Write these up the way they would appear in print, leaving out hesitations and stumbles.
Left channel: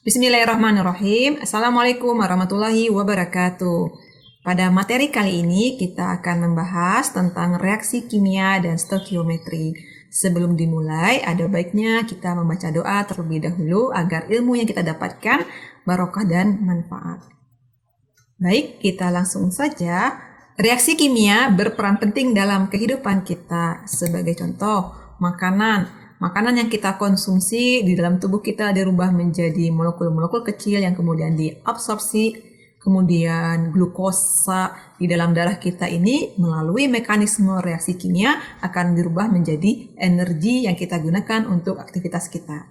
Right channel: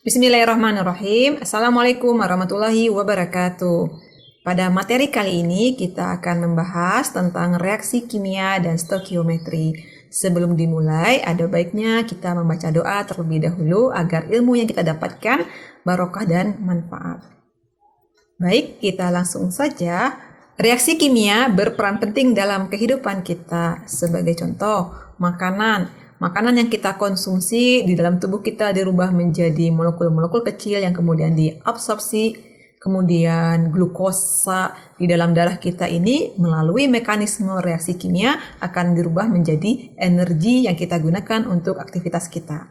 Bismillahirrahmanirrahim. Assalamualaikum warahmatullahi wabarakatuh. Pada materi kali ini kita akan membahas tentang reaksi kimia dan stoikiometri. Sebelum dimulai, ada baiknya kita membaca doa terlebih dahulu agar ilmu yang kita dapatkan barokah dan manfaat. Baik, kita langsung saja. Reaksi kimia berperan penting dalam kehidupan kita. Sebagai contoh, Makanan yang kita konsumsi di dalam tubuh kita dirubah menjadi molekul-molekul kecil yang kemudian diabsorpsi, kemudian glukosa di dalam darah kita ini melalui mekanisme reaksi kimia akan dirubah menjadi energi yang kita gunakan untuk aktivitas kita.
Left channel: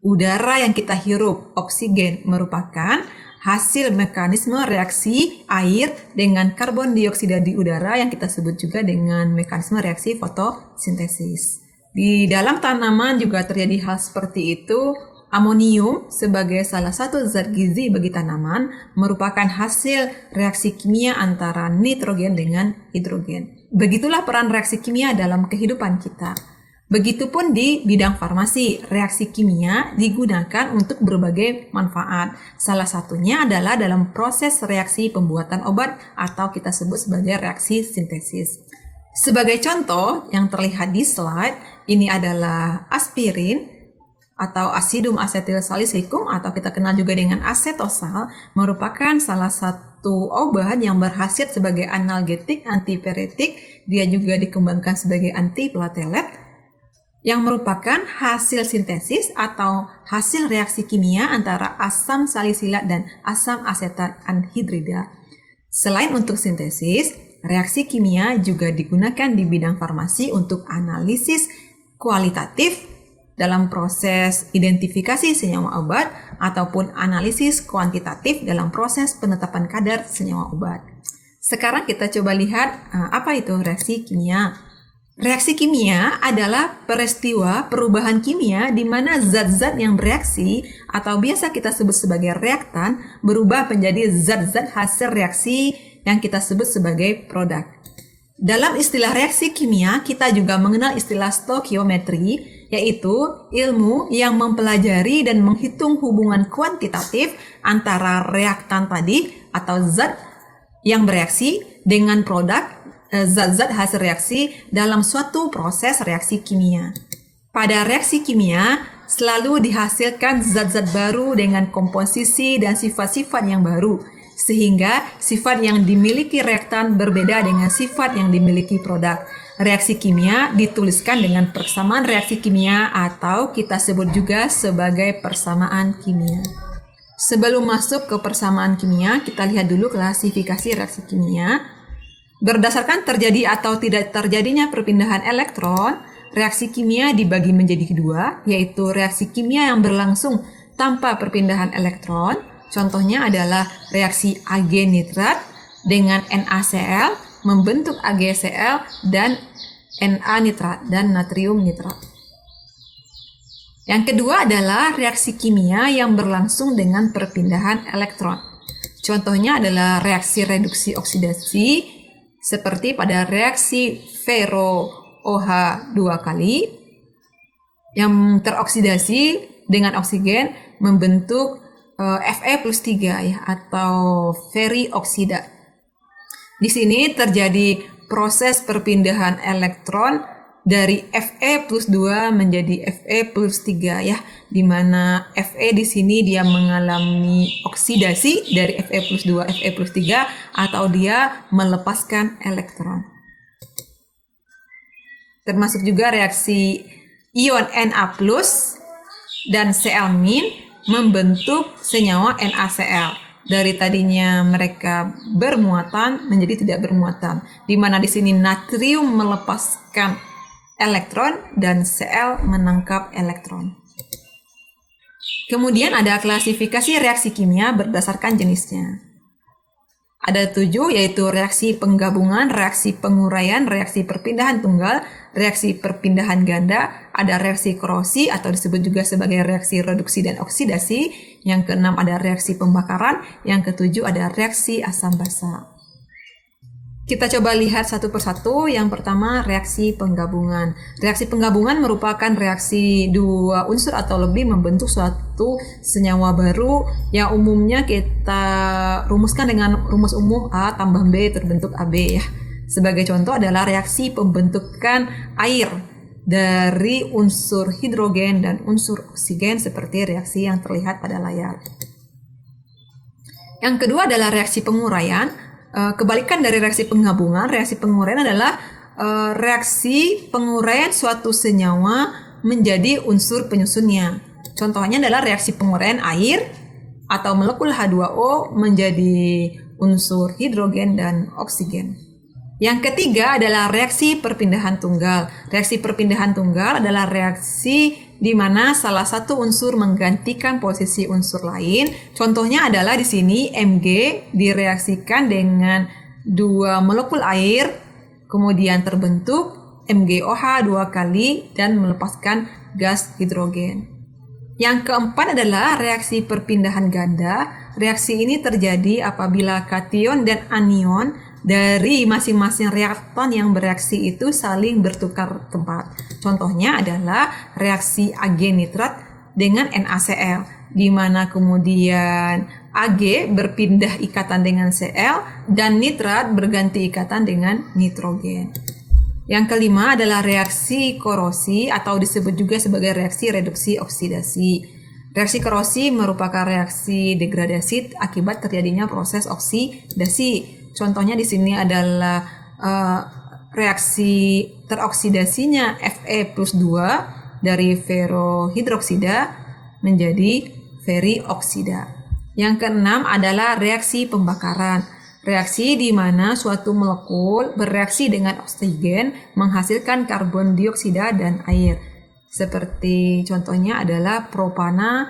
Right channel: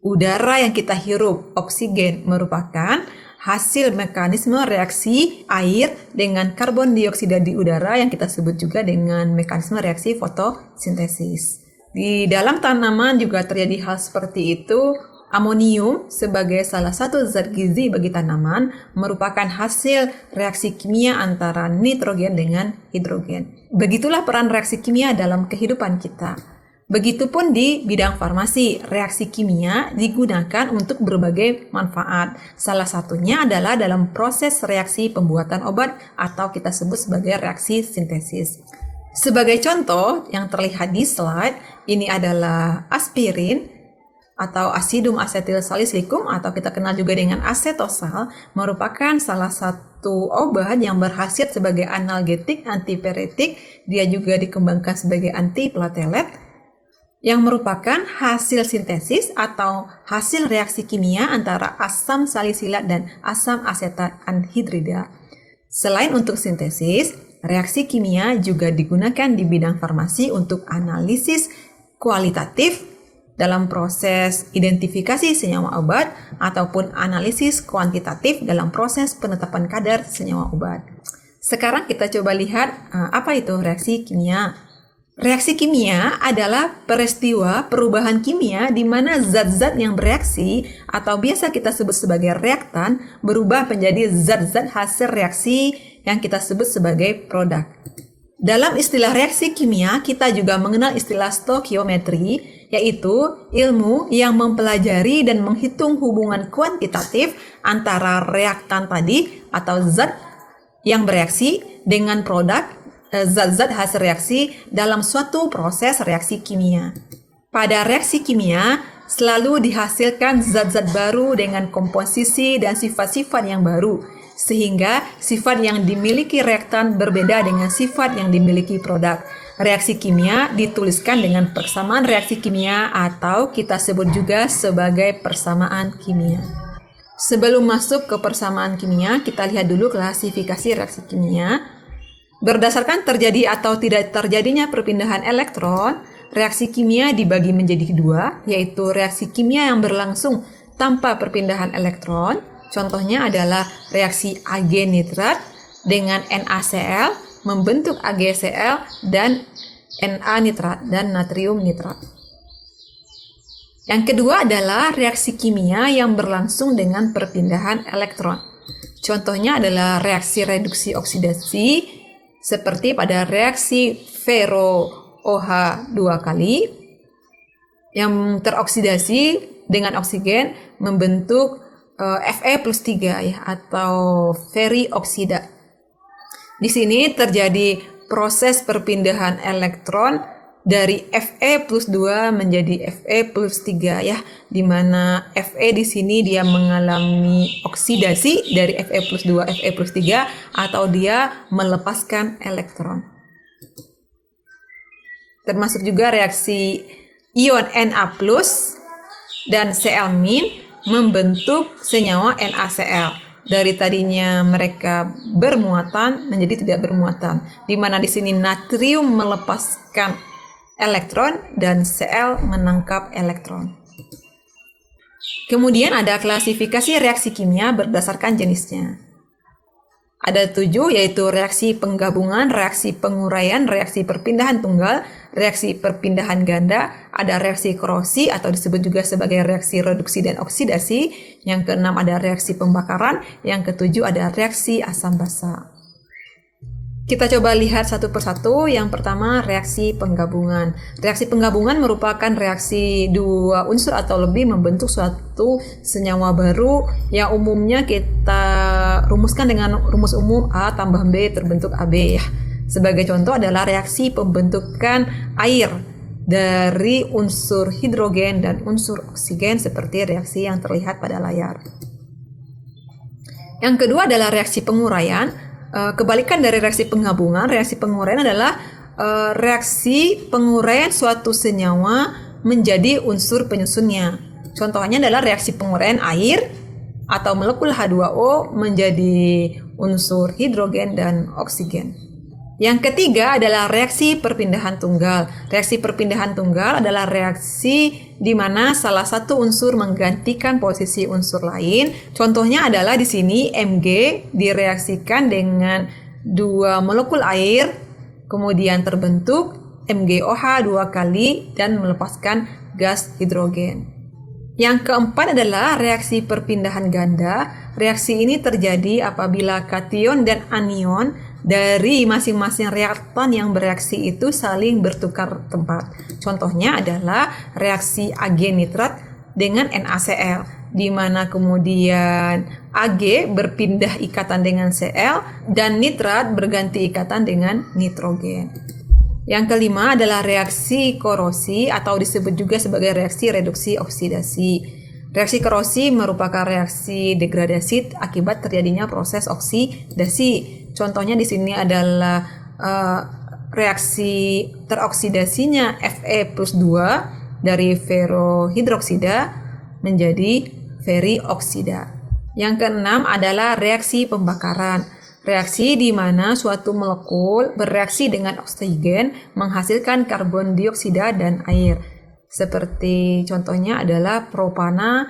Udara yang kita hirup, oksigen, merupakan hasil mekanisme reaksi air dengan karbon dioksida di udara yang kita sebut juga dengan mekanisme reaksi fotosintesis. Di dalam tanaman juga terjadi hal seperti itu. Amonium sebagai salah satu zat gizi bagi tanaman merupakan hasil reaksi kimia antara nitrogen dengan hidrogen. Begitulah peran reaksi kimia dalam kehidupan kita. Begitupun di bidang farmasi, reaksi kimia digunakan untuk berbagai manfaat. Salah satunya adalah dalam proses reaksi pembuatan obat atau kita sebut sebagai reaksi sintesis. Sebagai contoh yang terlihat di slide, ini adalah aspirin atau asidum asetil salisikum atau kita kenal juga dengan asetosal, merupakan salah satu obat yang berkhasiat sebagai analgetik, antipiretik. Dia juga dikembangkan sebagai antiplatelet yang merupakan hasil sintesis atau hasil reaksi kimia antara asam salisilat dan asam asetat anhidrida. Selain untuk sintesis, reaksi kimia juga digunakan di bidang farmasi untuk analisis kualitatif dalam proses identifikasi senyawa obat ataupun analisis kuantitatif dalam proses penetapan kadar senyawa obat. Sekarang kita coba lihat apa itu reaksi kimia. Reaksi kimia adalah peristiwa perubahan kimia di mana zat-zat yang bereaksi atau biasa kita sebut sebagai reaktan berubah menjadi zat-zat hasil reaksi yang kita sebut sebagai produk. Dalam istilah reaksi kimia, kita juga mengenal istilah stoikiometri, yaitu ilmu yang mempelajari dan menghitung hubungan kuantitatif antara reaktan tadi atau zat yang bereaksi dengan produk zat-zat hasil reaksi dalam suatu proses reaksi kimia. Pada reaksi kimia, selalu dihasilkan zat-zat baru dengan komposisi dan sifat-sifat yang baru, sehingga sifat yang dimiliki reaktan berbeda dengan sifat yang dimiliki produk. Reaksi kimia dituliskan dengan persamaan reaksi kimia atau kita sebut juga sebagai persamaan kimia. Sebelum masuk ke persamaan kimia, kita lihat dulu klasifikasi reaksi kimia. Berdasarkan terjadi atau tidak terjadinya perpindahan elektron, reaksi kimia dibagi menjadi dua, yaitu reaksi kimia yang berlangsung tanpa perpindahan elektron. Contohnya adalah reaksi Ag nitrat dengan NaCl membentuk AgCl dan Na nitrat dan natrium nitrat. Yang kedua adalah reaksi kimia yang berlangsung dengan perpindahan elektron. Contohnya adalah reaksi reduksi oksidasi seperti pada reaksi Ferro OH 2 kali yang teroksidasi dengan oksigen membentuk Fe+3 ya atau ferrioksida. Di sini terjadi proses perpindahan elektron dari Fe+2 menjadi Fe+3 ya, di mana Fe di sini dia mengalami oksidasi dari Fe+2 Fe+3 atau dia melepaskan elektron. Termasuk juga reaksi ion Na+ dan Cl- membentuk senyawa NaCl. Dari tadinya mereka bermuatan menjadi tidak bermuatan, di mana di sini natrium melepaskan elektron dan Cl menangkap elektron. Kemudian ada klasifikasi reaksi kimia berdasarkan jenisnya. Ada 7, yaitu reaksi penggabungan, reaksi penguraian, reaksi perpindahan tunggal, reaksi perpindahan ganda, ada reaksi korosi atau disebut juga sebagai reaksi reduksi dan oksidasi. Yang keenam ada reaksi pembakaran, yang ketujuh ada reaksi asam basa. Kita coba lihat satu persatu. Yang pertama, reaksi penggabungan. Reaksi penggabungan merupakan reaksi dua unsur atau lebih membentuk suatu senyawa baru yang umumnya kita rumuskan dengan rumus umum A tambah B terbentuk AB ya. Sebagai contoh adalah reaksi pembentukan air dari unsur hidrogen dan unsur oksigen seperti reaksi yang terlihat pada layar. Yang kedua adalah reaksi penguraian. Kebalikan dari reaksi penggabungan, reaksi penguraian adalah reaksi penguraian suatu senyawa menjadi unsur penyusunnya. Contohnya adalah reaksi penguraian air atau molekul H2O menjadi unsur hidrogen dan oksigen. Yang ketiga adalah reaksi perpindahan tunggal. Reaksi perpindahan tunggal adalah reaksi di mana salah satu unsur menggantikan posisi unsur lain. Contohnya adalah di sini Mg direaksikan dengan dua molekul air, kemudian terbentuk MgOH 2 kali dan melepaskan gas hidrogen. Yang keempat adalah reaksi perpindahan ganda. Reaksi ini terjadi apabila kation dan anion dari masing-masing reaktan yang bereaksi itu saling bertukar tempat. Contohnya adalah reaksi Ag nitrat dengan NaCl, di mana kemudian Ag berpindah ikatan dengan Cl dan nitrat berganti ikatan dengan nitrogen. Yang kelima adalah reaksi korosi atau disebut juga sebagai reaksi reduksi oksidasi. Reaksi korosi merupakan reaksi degradasi akibat terjadinya proses oksidasi. Contohnya di sini adalah reaksi teroksidasinya Fe+2 dari ferrohidroksida menjadi ferrioksida. Yang keenam adalah reaksi pembakaran. Reaksi di mana suatu molekul bereaksi dengan oksigen menghasilkan karbon dioksida dan air. Seperti contohnya adalah propana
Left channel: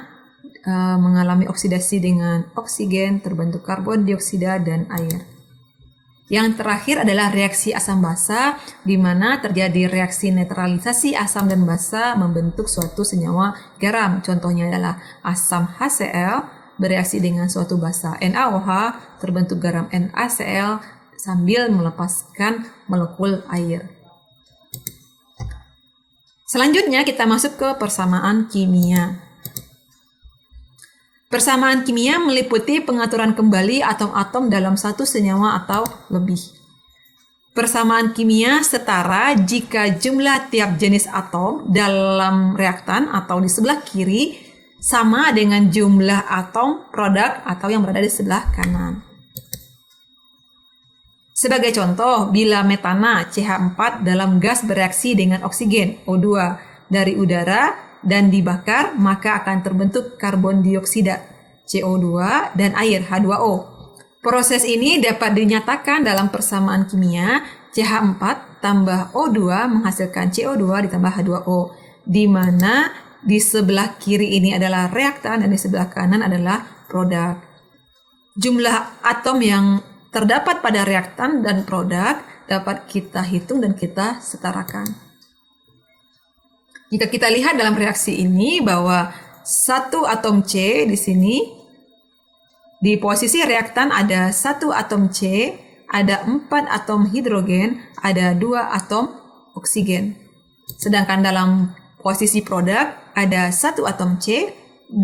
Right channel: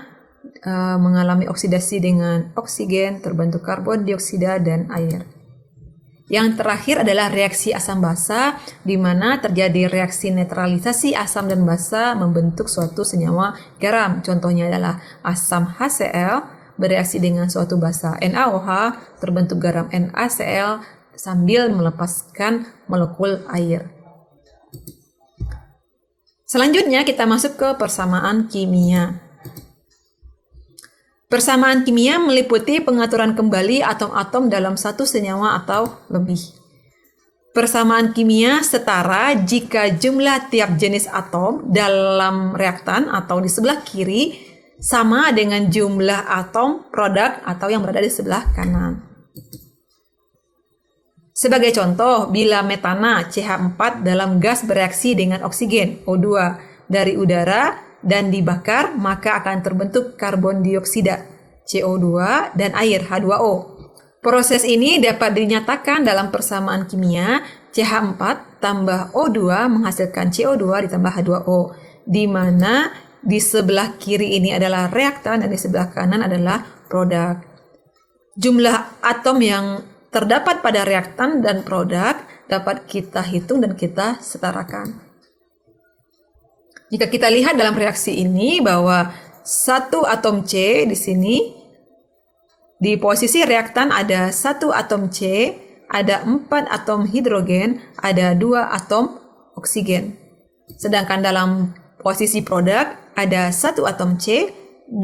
mengalami oksidasi dengan oksigen, terbentuk karbon dioksida dan air. Yang terakhir adalah reaksi asam basa, di mana terjadi reaksi netralisasi asam dan basa membentuk suatu senyawa garam. Contohnya adalah asam HCl bereaksi dengan suatu basa NaOH, terbentuk garam NaCl sambil melepaskan molekul air. Selanjutnya kita masuk ke persamaan kimia. Persamaan kimia meliputi pengaturan kembali atom-atom dalam satu senyawa atau lebih. Persamaan kimia setara jika jumlah tiap jenis atom dalam reaktan atau di sebelah kiri sama dengan jumlah atom produk atau yang berada di sebelah kanan. Sebagai contoh, bila metana CH4 dalam gas bereaksi dengan oksigen O2 dari udara dan dibakar, maka akan terbentuk karbon dioksida CO2 dan air H2O. Proses ini dapat dinyatakan dalam persamaan kimia CH4 tambah O2 menghasilkan CO2 ditambah H2O, di mana di sebelah kiri ini adalah reaktan dan di sebelah kanan adalah produk. Jumlah atom yang terdapat pada reaktan dan produk dapat kita hitung dan kita setarakan. Jika kita lihat dalam reaksi ini bahwa satu atom C di sini, di posisi reaktan ada satu atom C, ada 4 atom hidrogen, ada 2 atom oksigen. Sedangkan dalam posisi produk ada satu atom C, 2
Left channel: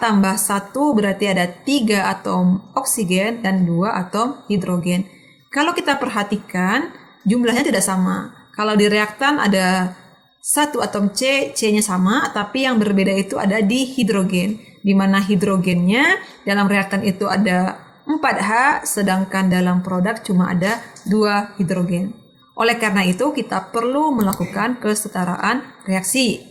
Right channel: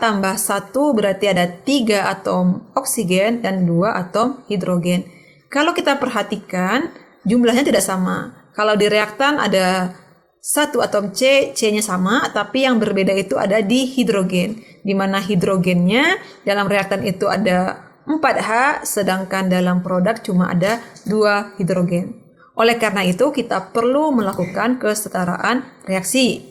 tambah 1 berarti ada 3 atom oksigen dan 2 atom hidrogen. Kalau kita perhatikan jumlahnya tidak sama. Kalau di reaktan ada satu atom C, C-nya sama, tapi yang berbeda itu ada di hidrogen, di mana hidrogennya dalam reaktan itu ada 4H, sedangkan dalam produk cuma ada 2 hidrogen. Oleh karena itu, kita perlu melakukan kesetaraan reaksi.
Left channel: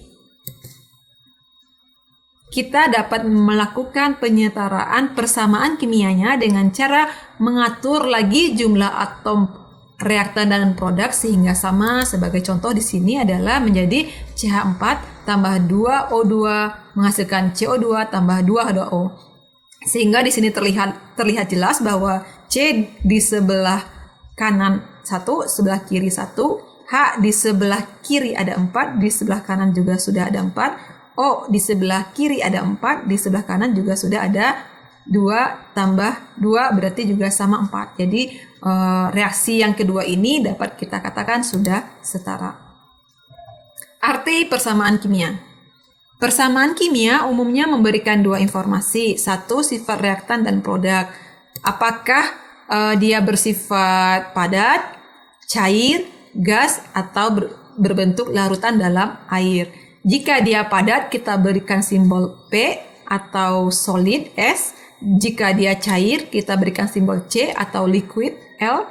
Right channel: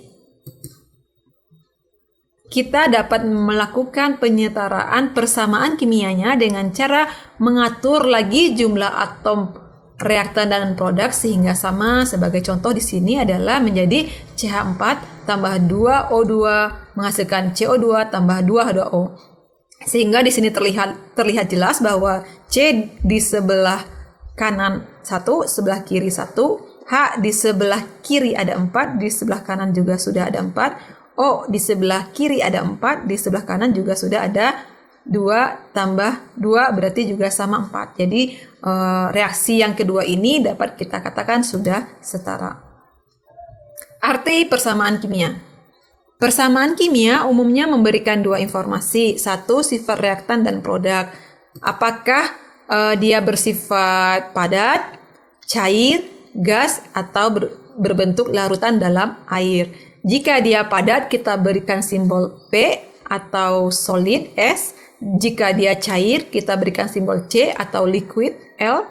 Kita dapat melakukan penyetaraan persamaan kimianya dengan cara mengatur lagi jumlah atom reaktan dan produk sehingga sama. Sebagai contoh di sini adalah menjadi CH4 tambah 2O2 menghasilkan CO2 tambah 2H2O. Sehingga di sini terlihat jelas bahwa C di sebelah kanan 1, sebelah kiri 1, H di sebelah kiri ada 4, di sebelah kanan juga sudah ada 4, O di sebelah kiri ada 4, di sebelah kanan juga sudah ada 2 tambah 2 berarti juga sama 4. Jadi reaksi yang kedua ini dapat kita katakan sudah setara. Arti persamaan kimia. Persamaan kimia umumnya memberikan dua informasi. Satu, sifat reaktan dan produk. Apakah dia bersifat padat, cair, gas, atau berbentuk larutan dalam air. Jika dia padat, kita berikan simbol P atau solid S. Jika dia cair, kita berikan simbol C atau liquid L.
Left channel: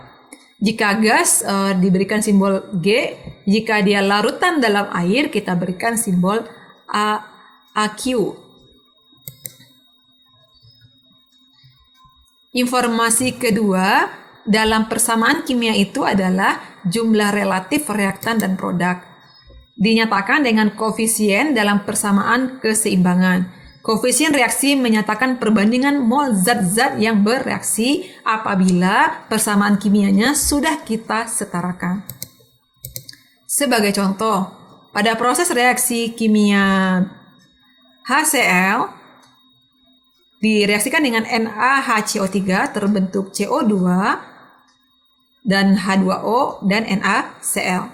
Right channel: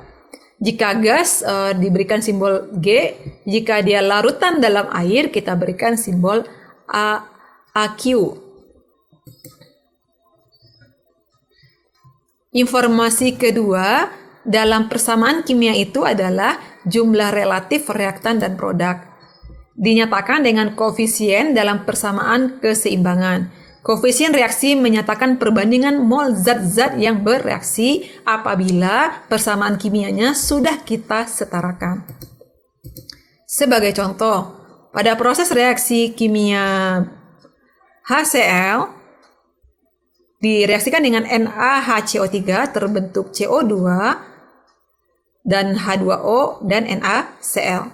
Jika gas, diberikan simbol G. Jika dia larutan dalam air, kita berikan simbol AQ. Informasi kedua dalam persamaan kimia itu adalah jumlah relatif reaktan dan produk. Dinyatakan dengan koefisien dalam persamaan keseimbangan. Koefisien reaksi menyatakan perbandingan mol zat-zat yang bereaksi apabila persamaan kimianya sudah kita setarakan. Sebagai contoh, pada proses reaksi kimia HCl direaksikan dengan NaHCO3 terbentuk CO2 dan H2O dan NaCl.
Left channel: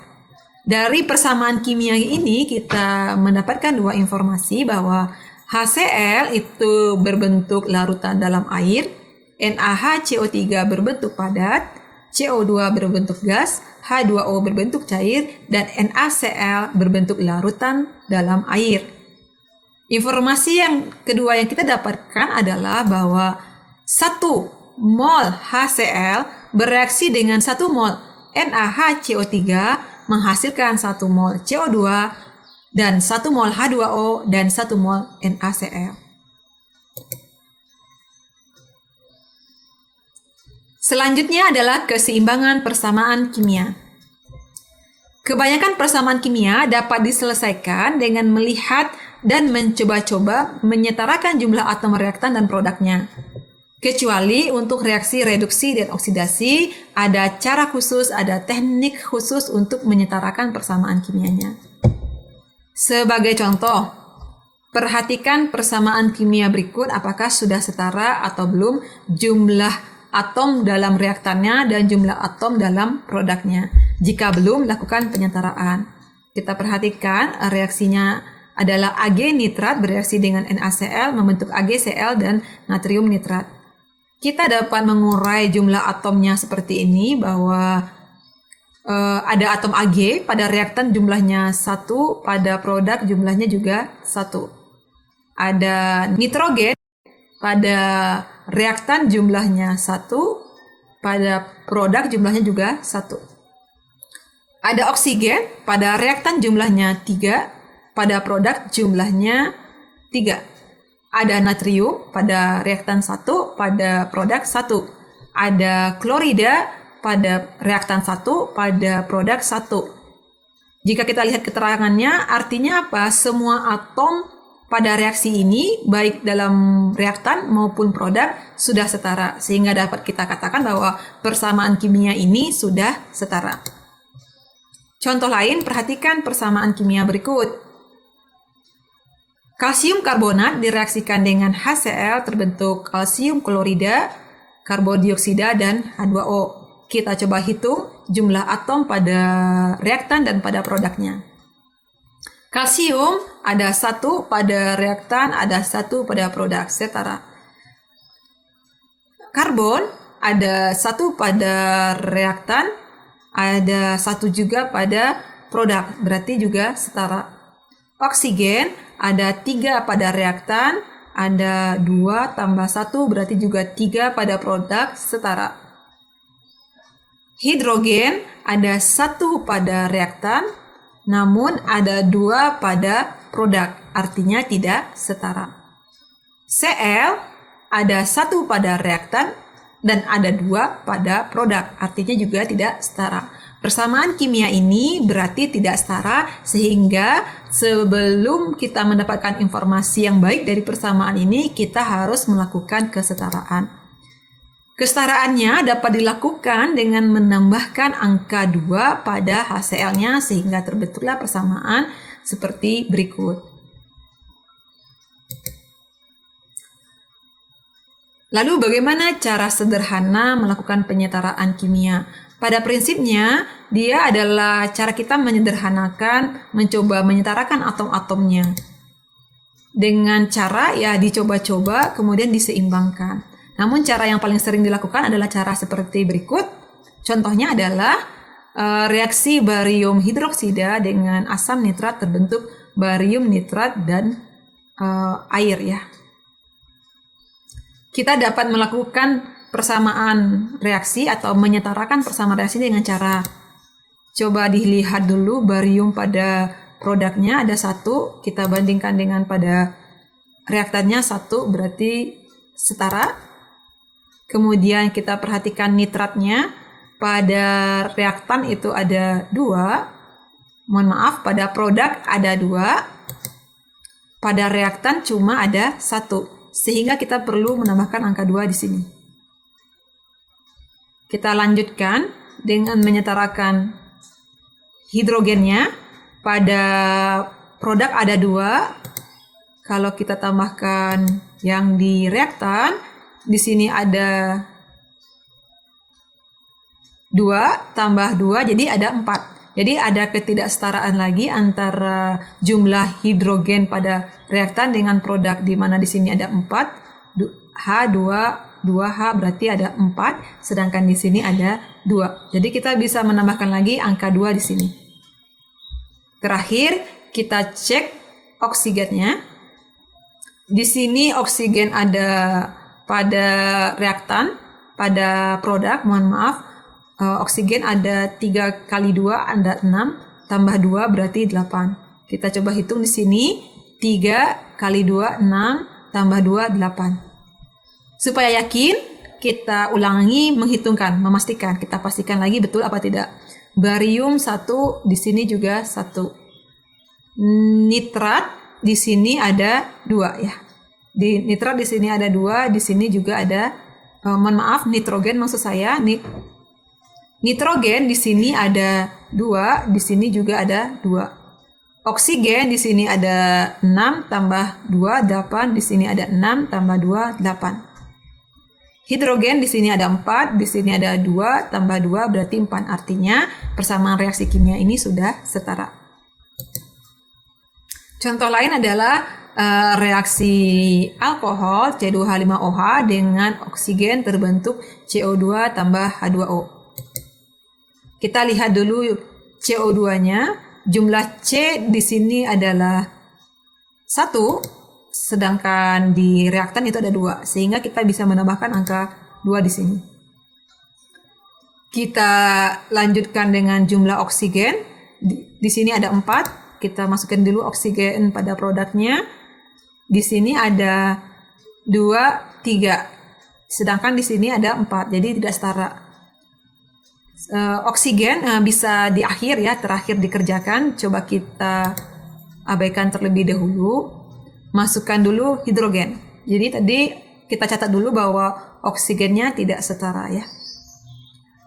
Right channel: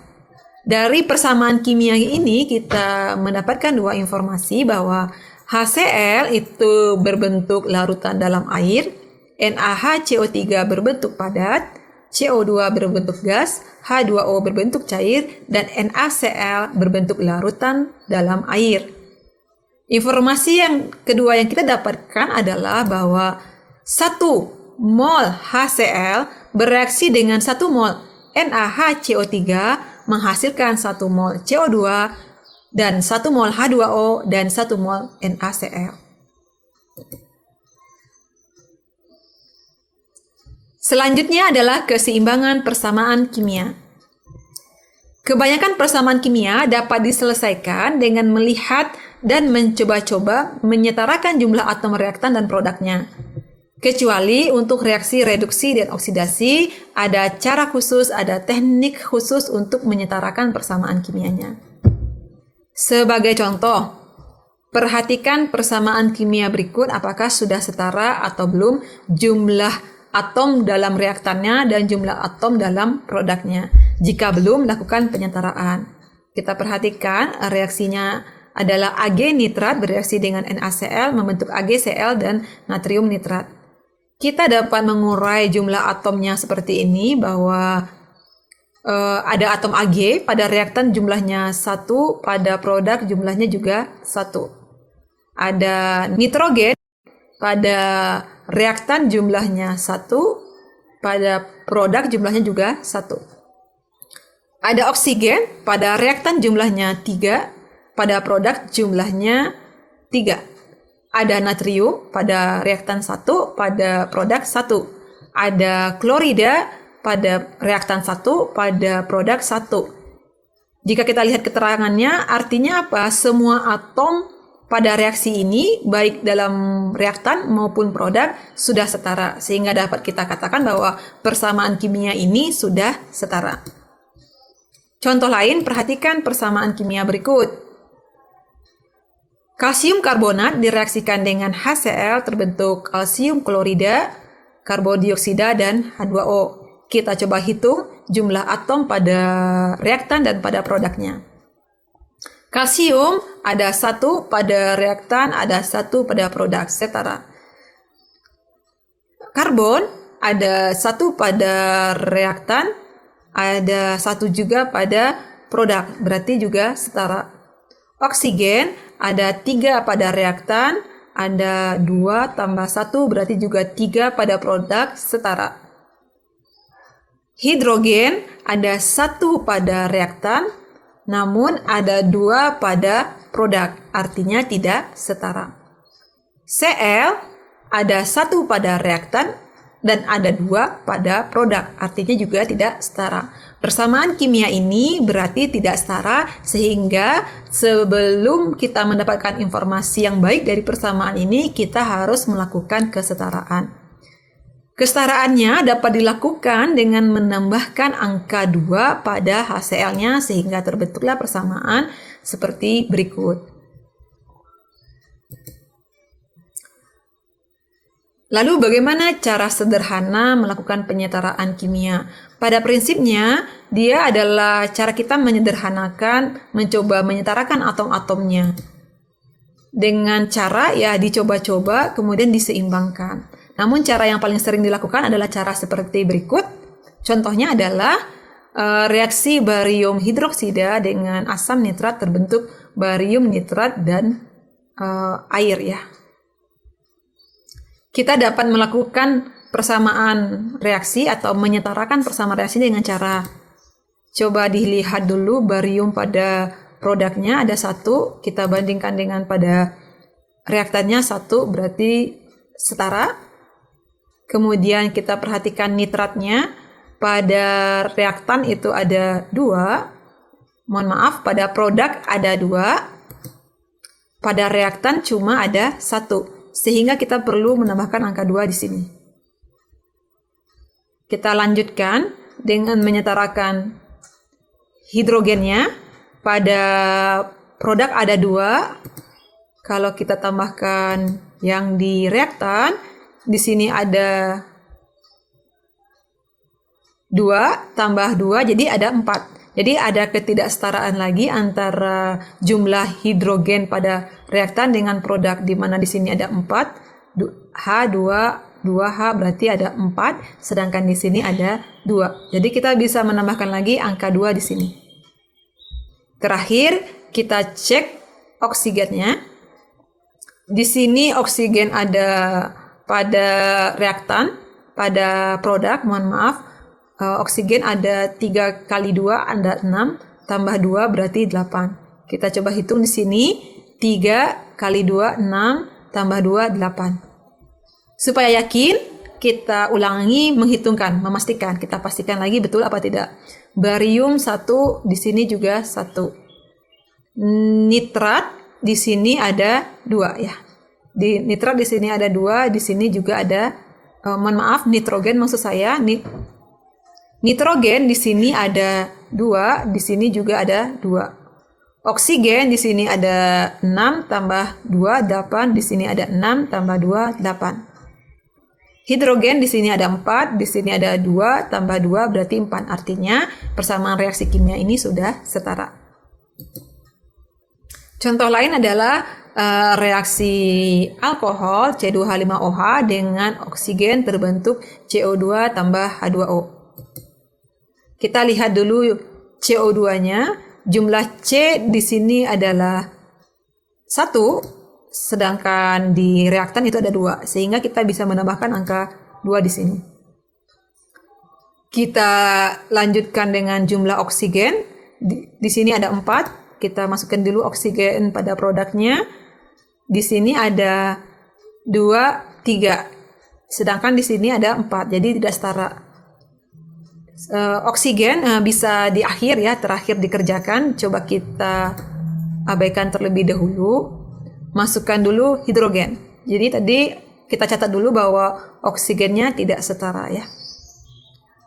Dari persamaan kimia ini kita mendapatkan dua informasi bahwa HCl itu berbentuk larutan dalam air, NaHCO3 berbentuk padat, CO2 berbentuk gas, H2O berbentuk cair, dan NaCl berbentuk larutan dalam air. Informasi yang kedua yang kita dapatkan adalah bahwa 1 mol HCl bereaksi dengan 1 mol NaHCO3 menghasilkan 1 mol CO2 dan 1 mol H2O dan 1 mol NaCl. Selanjutnya adalah keseimbangan persamaan kimia. Kebanyakan persamaan kimia dapat diselesaikan dengan melihat dan mencoba-coba menyetarakan jumlah atom reaktan dan produknya. Kecuali untuk reaksi reduksi dan oksidasi, ada cara khusus, ada teknik khusus untuk menyetarakan persamaan kimianya. Sebagai contoh, perhatikan persamaan kimia berikut apakah sudah setara atau belum jumlah atom dalam reaktannya dan jumlah atom dalam produknya. Jika belum, lakukan penyetaraan. Kita perhatikan reaksinya adalah Ag nitrat bereaksi dengan NaCl membentuk AgCl dan natrium nitrat. Kita dapat mengurai jumlah atomnya seperti ini bahwa ada atom Ag pada reaktan jumlahnya 1, pada produk jumlahnya juga 1. Ada nitrogen pada reaktan jumlahnya 1, pada produk jumlahnya juga 1. Ada oksigen pada reaktan jumlahnya 3, pada produk jumlahnya 3. Ada natrium pada reaktan 1, pada produk 1. Ada klorida pada reaktan 1, pada produk 1. Jika kita lihat keterangannya, artinya apa? Semua atom pada reaksi ini, baik dalam reaktan maupun produk, sudah setara. Sehingga dapat kita katakan bahwa persamaan kimia ini sudah setara. Contoh lain, perhatikan persamaan kimia berikut. Kalsium karbonat direaksikan dengan HCl terbentuk kalsium klorida, karbodioksida, dan H2O. Kita coba hitung jumlah atom pada reaktan dan pada produknya. Kalsium ada 1 pada reaktan, ada 1 pada produk, setara. Karbon ada 1 pada reaktan, ada 1 juga pada produk, berarti juga setara. Oksigen ada 3 pada reaktan, ada 2 tambah 1 berarti juga 3 pada produk, setara. Hidrogen ada 1 pada reaktan, namun ada 2 pada produk, artinya tidak setara. Cl ada 1 pada reaktan dan ada 2 pada produk, artinya juga tidak setara. Persamaan kimia ini berarti tidak setara, sehingga sebelum kita mendapatkan informasi yang baik dari persamaan ini, kita harus melakukan kesetaraan. Kesetaraannya dapat dilakukan dengan menambahkan angka 2 pada HCl-nya sehingga terbentuklah persamaan seperti berikut. Lalu bagaimana cara sederhana melakukan penyetaraan kimia? Pada prinsipnya, dia adalah cara kita menyederhanakan, mencoba menyetarakan atom-atomnya. Dengan cara ya dicoba-coba, kemudian diseimbangkan. Namun cara yang paling sering dilakukan adalah cara seperti berikut. Contohnya adalah reaksi barium hidroksida dengan asam nitrat terbentuk barium nitrat dan air ya. Kita dapat melakukan persamaan reaksi atau menyetarakan persamaan reaksi dengan cara coba dilihat dulu barium pada produknya ada 1, kita bandingkan dengan pada reaktannya 1, berarti setara. Kemudian kita perhatikan nitratnya, pada reaktan itu ada 2, mohon maaf pada produk ada 2, pada reaktan cuma ada 1. Sehingga kita perlu menambahkan angka 2 di sini. Kita lanjutkan dengan menyetarakan hidrogennya. Pada produk ada 2. Kalau kita tambahkan yang di reaktan, di sini ada 2 tambah 2, jadi ada 4. Jadi ada ketidaksetaraan lagi antara jumlah hidrogen pada reaktan dengan produk, di mana di sini ada 4, H2, 2H berarti ada 4, sedangkan di sini ada 2. Jadi kita bisa menambahkan lagi angka 2 di sini. Terakhir kita cek oksigennya. Di sini oksigen ada pada reaktan, pada produk, mohon maaf. Oksigen ada 3 kali 2 ada 6, tambah 2 berarti 8. Kita coba hitung di sini, 3 kali 2 6, tambah 2 8. Supaya yakin, kita ulangi menghitungkan, memastikan, kita pastikan lagi betul apa tidak. Barium 1, di sini juga 1. Nitrat di sini ada 2 ya. Nitrat di sini ada 2, di sini juga ada mohon maaf, nitrogen maksud saya. Nitrogen di sini ada 2, di sini juga ada 2. Oksigen di sini ada 6 tambah 2 8, di sini ada 6 tambah 2 8. Hidrogen di sini ada 4, di sini ada 2 tambah 2 berarti 4. Artinya persamaan reaksi kimia ini sudah setara. Contoh lain adalah reaksi alkohol C2H5OH dengan oksigen terbentuk CO2 tambah H2O. Kita lihat dulu CO2-nya, jumlah C di sini adalah 1, sedangkan di reaktan itu ada 2, sehingga kita bisa menambahkan angka 2 di sini. Kita lanjutkan dengan jumlah oksigen, di sini ada 4, kita masukkan dulu oksigen pada produknya, di sini ada 2, 3, sedangkan di sini ada 4, jadi tidak setara. Oksigen bisa di akhir ya, terakhir dikerjakan. Coba kita abaikan terlebih dahulu. Masukkan dulu hidrogen. Jadi tadi kita catat dulu bahwa oksigennya tidak setara ya.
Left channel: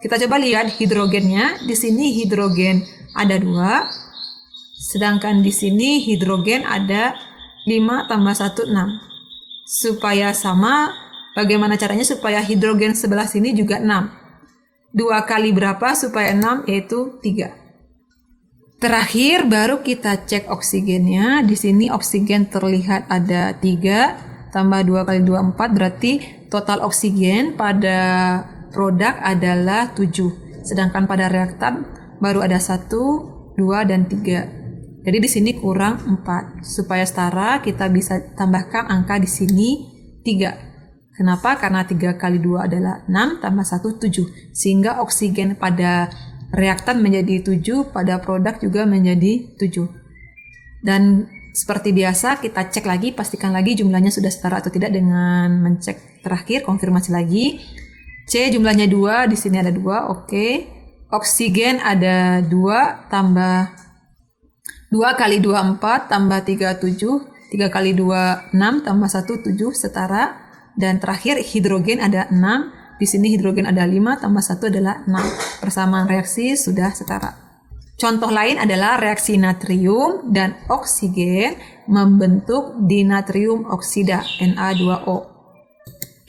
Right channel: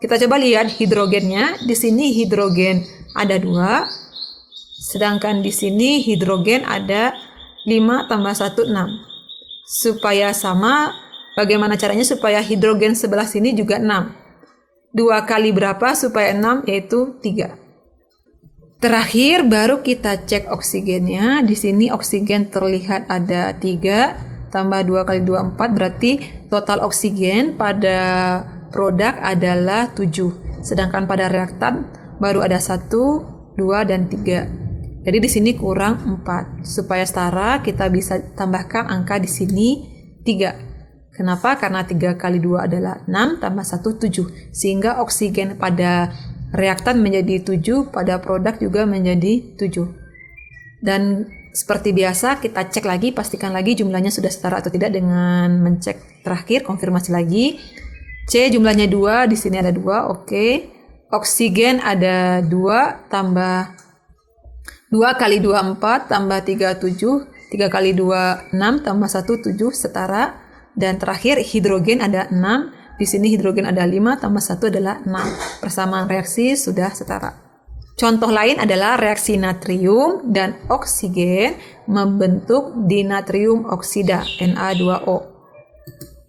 Kita coba lihat hidrogennya. Di sini hidrogen ada 2. Sedangkan di sini hidrogen ada 5 tambah 1 6. Supaya sama, bagaimana caranya supaya hidrogen sebelah sini juga 6. 2 kali berapa supaya 6, yaitu 3. Terakhir baru kita cek oksigennya. Di sini oksigen terlihat ada 3 tambah 2 kali 2 4, berarti total oksigen pada produk adalah 7. Sedangkan pada reaktan baru ada 1, 2 dan 3. Jadi di sini kurang 4. Supaya setara kita bisa tambahkan angka di sini 3. Kenapa? Karena 3 kali 2 adalah 6 tambah 1 7. Sehingga oksigen pada reaktan menjadi 7, pada produk juga menjadi 7. Dan seperti biasa kita cek lagi, pastikan lagi jumlahnya sudah setara atau tidak dengan mencek terakhir, konfirmasi lagi. C jumlahnya 2, di sini ada 2, oke. Oksigen ada 2 tambah 2 kali 2 4 tambah 3 7. 3 kali 2 6 tambah 1 7 setara. Dan terakhir hidrogen ada 6, di sini hidrogen ada 5 tambah 1 adalah 6. Persamaan reaksi sudah setara. Contoh lain adalah reaksi natrium dan oksigen membentuk dinatrium oksida Na2O.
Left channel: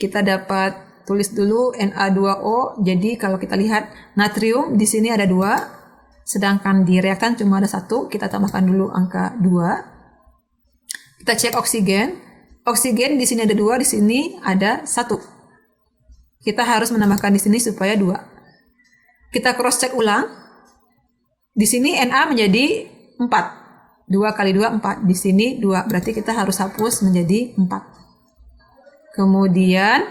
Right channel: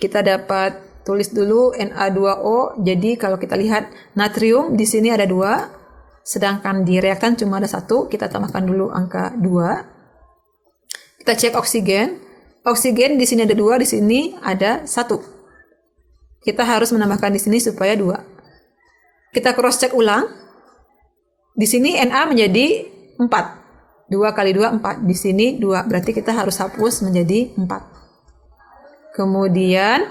kita dapat tulis dulu Na2O. Jadi kalau kita lihat natrium di sini ada 2, sedangkan di reaktan cuma ada 1. Kita tambahkan dulu angka 2. Kita cek oksigen. Oksigen di sini ada 2, di sini ada 1. Kita harus menambahkan di sini supaya 2. Kita cross check ulang. Di sini Na menjadi 4. 2 kali 2 4. Di sini 2. Berarti kita harus hapus menjadi 4. Kemudian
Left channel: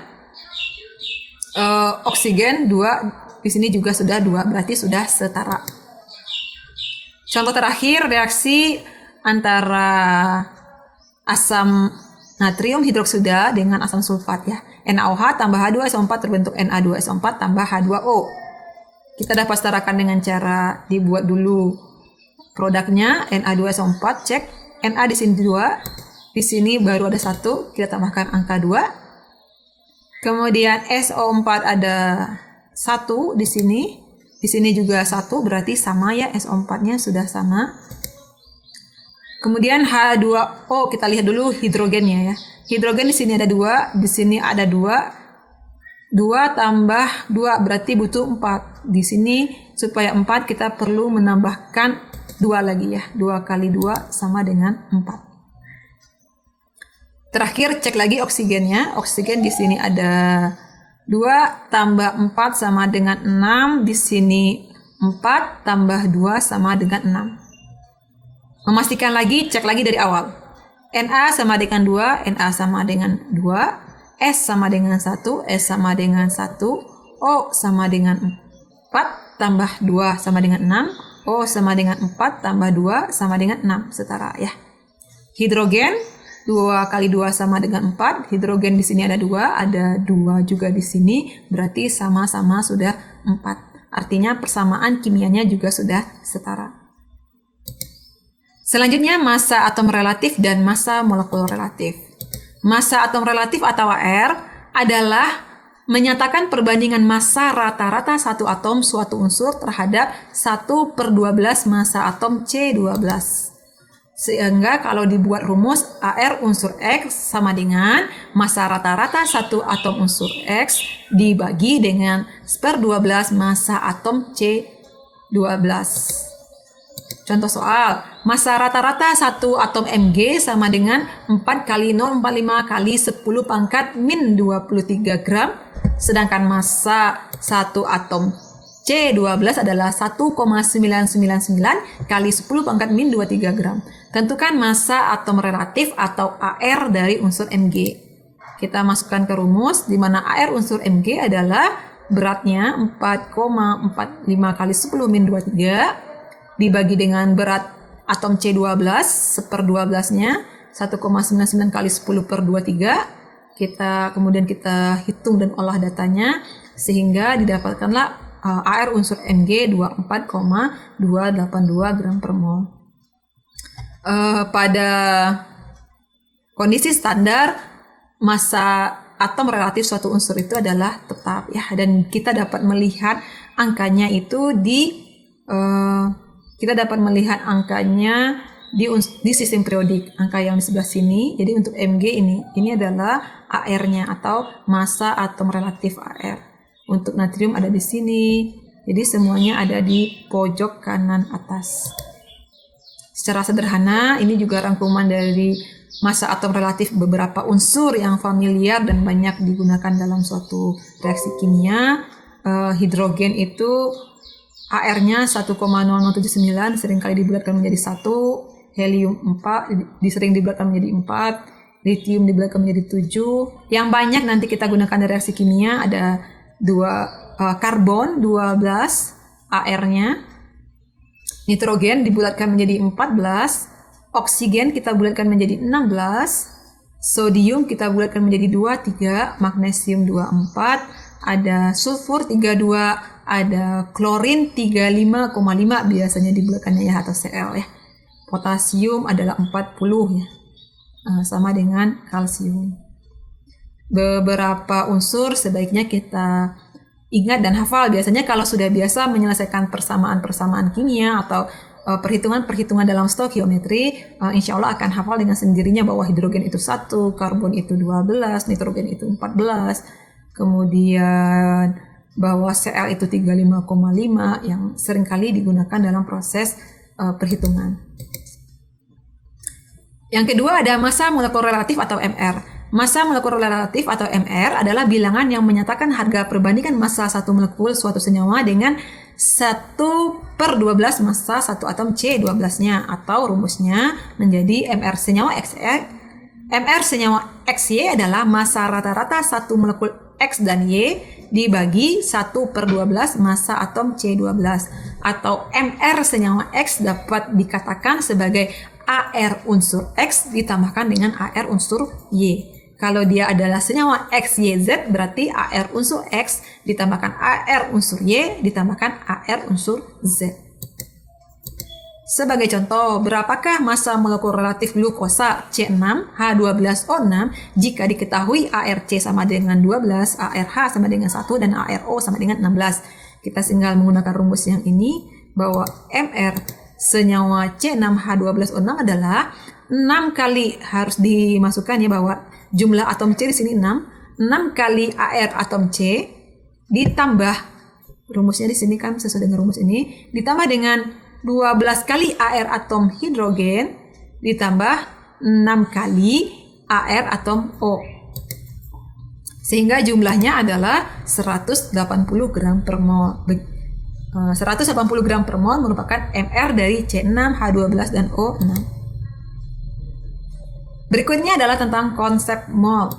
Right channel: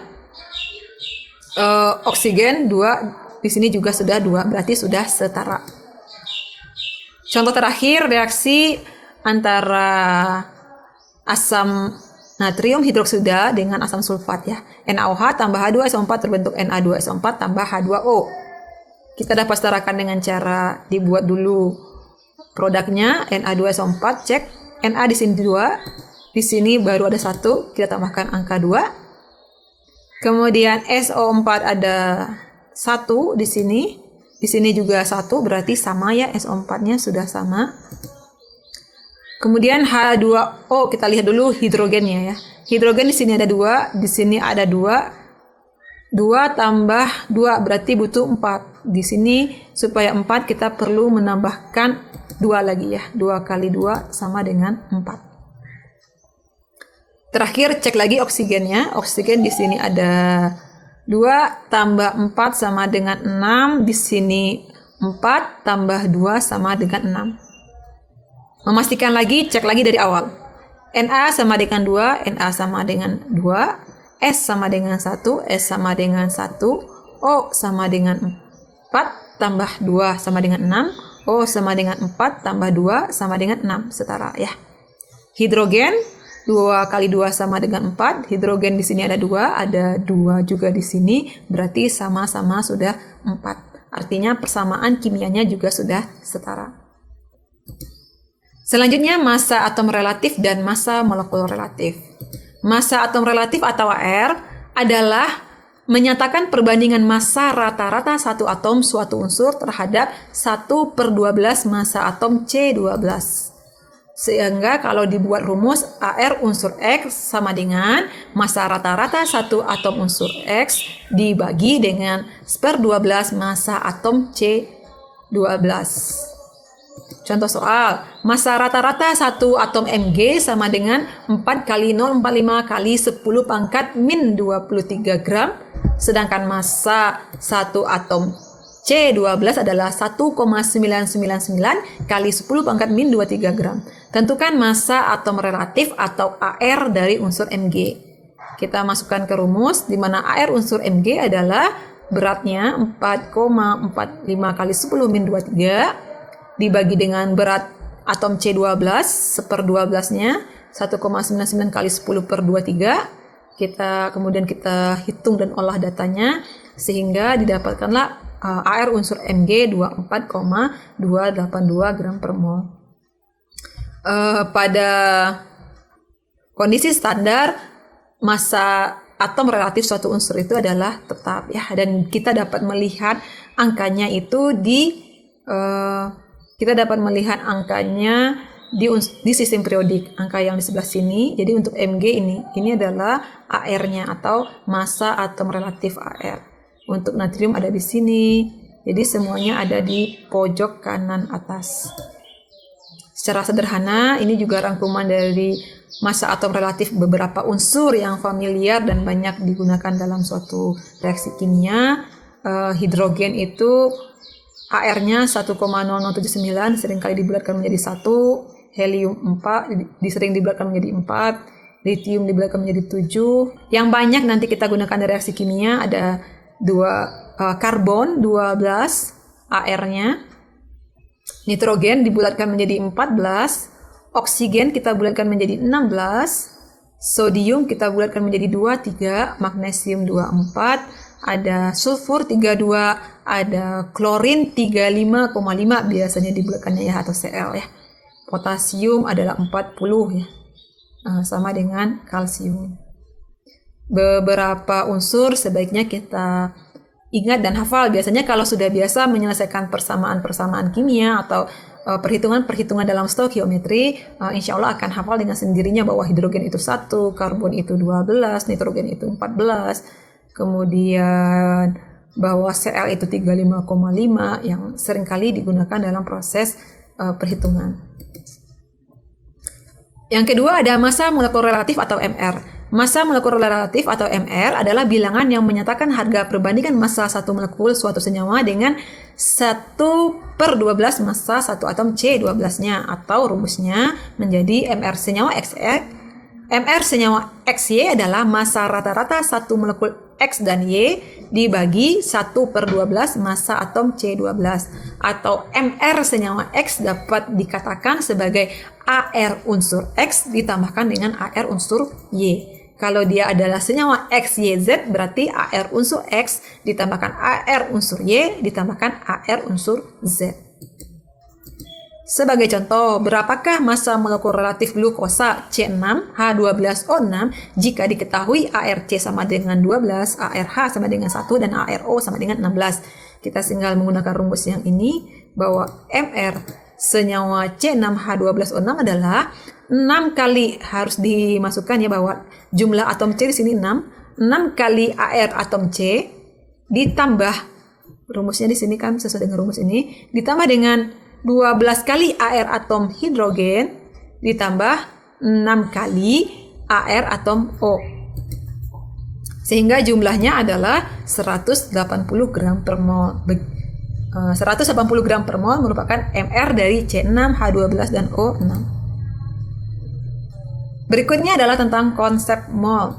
oksigen 2. Di sini juga sudah 2. Berarti sudah setara. Contoh terakhir, reaksi antara asam natrium hidroksida dengan asam sulfat ya. NaOH tambah H2SO4 terbentuk Na2SO4 tambah H2O. Kita dapat setarakan dengan cara dibuat dulu produknya Na2SO4, cek Na di sini 2, di sini baru ada 1, kita tambahkan angka 2. Kemudian SO4 ada 1 di sini juga 1, berarti sama ya, SO4-nya sudah sama. Kemudian H2O, kita lihat dulu hidrogennya ya. Hidrogen di sini ada 2, di sini ada 2. 2 tambah 2 berarti butuh 4. Di sini supaya 4 kita perlu menambahkan 2 lagi ya. 2 kali 2 sama dengan 4. Terakhir cek lagi oksigennya. Oksigen di sini ada 2 tambah 4 sama dengan 6. Di sini 4 tambah 2 sama dengan 6. Memastikan lagi, cek lagi dari awal. Na sama dengan 2, Na sama dengan 2, S sama dengan 1, S sama dengan 1, O sama dengan 4, tambah 2 sama dengan 6, O sama dengan 4, tambah 2 sama dengan 6, setara ya. Hidrogen, 2 kali 2 sama dengan 4, hidrogen di sini ada 2 juga di sini, berarti sama-sama sudah 4. Artinya persamaan kimianya juga sudah setara. Selanjutnya massa atom relatif dan massa molekul relatif. Massa atom relatif atau AR adalah menyatakan perbandingan massa rata-rata satu atom suatu unsur terhadap 1/12 massa atom C12. Sehingga kalau dibuat rumus AR unsur X sama dengan massa rata-rata satu atom unsur X dibagi dengan 1/12 massa atom C12. Contoh soal, massa rata-rata satu atom Mg sama dengan 4 kali 0,45 kali 10 pangkat min 23 gram. Sedangkan massa satu atom C12 adalah 1,999 kali 10 pangkat min 23 gram. Tentukan massa atom relatif atau AR dari unsur Mg. Kita masukkan ke rumus, di mana AR unsur Mg adalah beratnya 4,45 kali 10 min 23 dibagi dengan berat atom C12 1/12-nya 1,99 kali 10/23. Kemudian kita hitung dan olah datanya sehingga didapatkanlah AR unsur Mg 24,282 gram per mol. Pada kondisi standar massa atom relatif suatu unsur itu adalah tetap ya, dan kita dapat melihat angkanya itu di di sistem periodik, angka yang di sebelah sini. Jadi untuk Mg ini adalah AR-nya atau massa atom relatif AR. Untuk natrium ada di sini. Jadi semuanya ada di pojok kanan atas. Secara sederhana, ini juga rangkuman dari massa atom relatif beberapa unsur yang familiar dan banyak digunakan dalam suatu reaksi kimia. Hidrogen itu AR-nya 1,0079 seringkali dibulatkan menjadi 1, helium 4 disering dibulatkan menjadi 4, lithium dibulatkan menjadi 7. Yang banyak nanti kita gunakan dari reaksi kimia ada karbon 12 AR-nya, nitrogen dibulatkan menjadi 14, oksigen kita bulatkan menjadi 16, sodium kita bulatkan menjadi 23, magnesium 24, ada sulfur 32, ada klorin 35,5 biasanya dibulatkannya ya, atau Cl ya. Potasium adalah 40 ya. Sama dengan kalsium. Beberapa unsur sebaiknya kita ingat dan hafal. Biasanya kalau sudah biasa menyelesaikan persamaan-persamaan kimia atau perhitungan-perhitungan dalam stoikiometri, insya Allah akan hafal dengan sendirinya bahwa hidrogen itu 1, karbon itu 12, nitrogen itu 14, kemudian bahwa Cl itu 35,5 yang seringkali digunakan dalam proses perhitungan. Yang kedua ada massa molekuler relatif atau MR. Massa molekuler relatif atau MR adalah bilangan yang menyatakan harga perbandingan massa satu molekul suatu senyawa dengan 1/12 massa satu atom C12-nya, atau rumusnya menjadi MR senyawa XY adalah massa rata-rata satu molekul X dan Y dibagi 1/12 massa atom C12, atau MR senyawa X dapat dikatakan sebagai AR unsur X ditambahkan dengan AR unsur Y. Kalau dia adalah senyawa XYZ berarti AR unsur X ditambahkan AR unsur Y ditambahkan AR unsur Z. Sebagai contoh, berapakah massa molekul relatif glukosa C6H12O6 jika diketahui ARC sama dengan 12, ARH sama dengan 1, dan ARO sama dengan 16. Kita tinggal menggunakan rumus yang ini bahwa MR senyawa C6H12O6 adalah 6 kali, harus dimasukkan ya bahwa jumlah atom C di sini 6 kali AR atom C ditambah, rumusnya di sini kan sesuai dengan rumus ini, ditambah dengan 12 kali AR atom hidrogen ditambah 6 kali AR atom O. Sehingga jumlahnya adalah 180 gram per mol. 180 gram per mol merupakan MR dari C6H12 dan O6. Berikutnya adalah tentang konsep mol.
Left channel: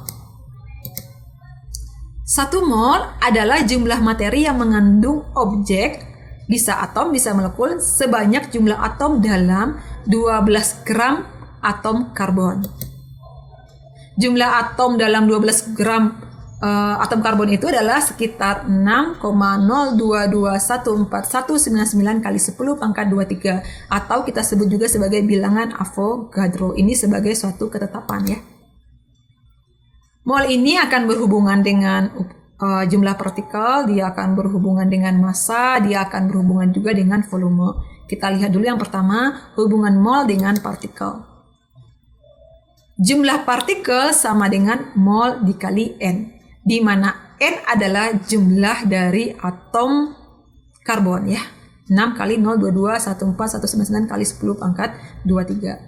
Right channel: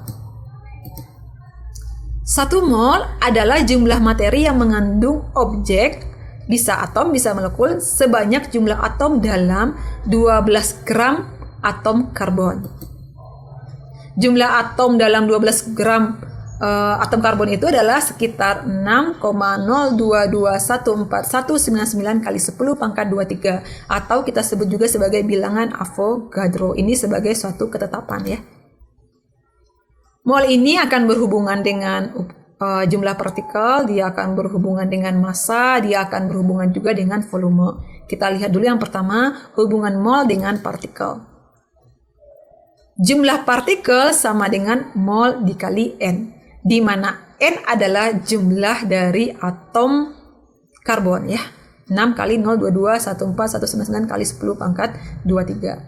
1 mol adalah jumlah materi yang mengandung objek, bisa atom, bisa molekul, sebanyak jumlah atom dalam 12 gram atom karbon. Jumlah atom dalam 12 gram atom karbon itu adalah sekitar 6,02214199 kali 10 pangkat 23, atau kita sebut juga sebagai bilangan Avogadro. Ini sebagai suatu ketetapan ya. Mol ini akan berhubungan dengan jumlah partikel, dia akan berhubungan dengan massa, dia akan berhubungan juga dengan volume. Kita lihat dulu yang pertama, hubungan mol dengan partikel. Jumlah partikel sama dengan mol dikali N, di mana N adalah jumlah dari atom karbon ya. 6 kali 0,221419 kali 10 pangkat 23.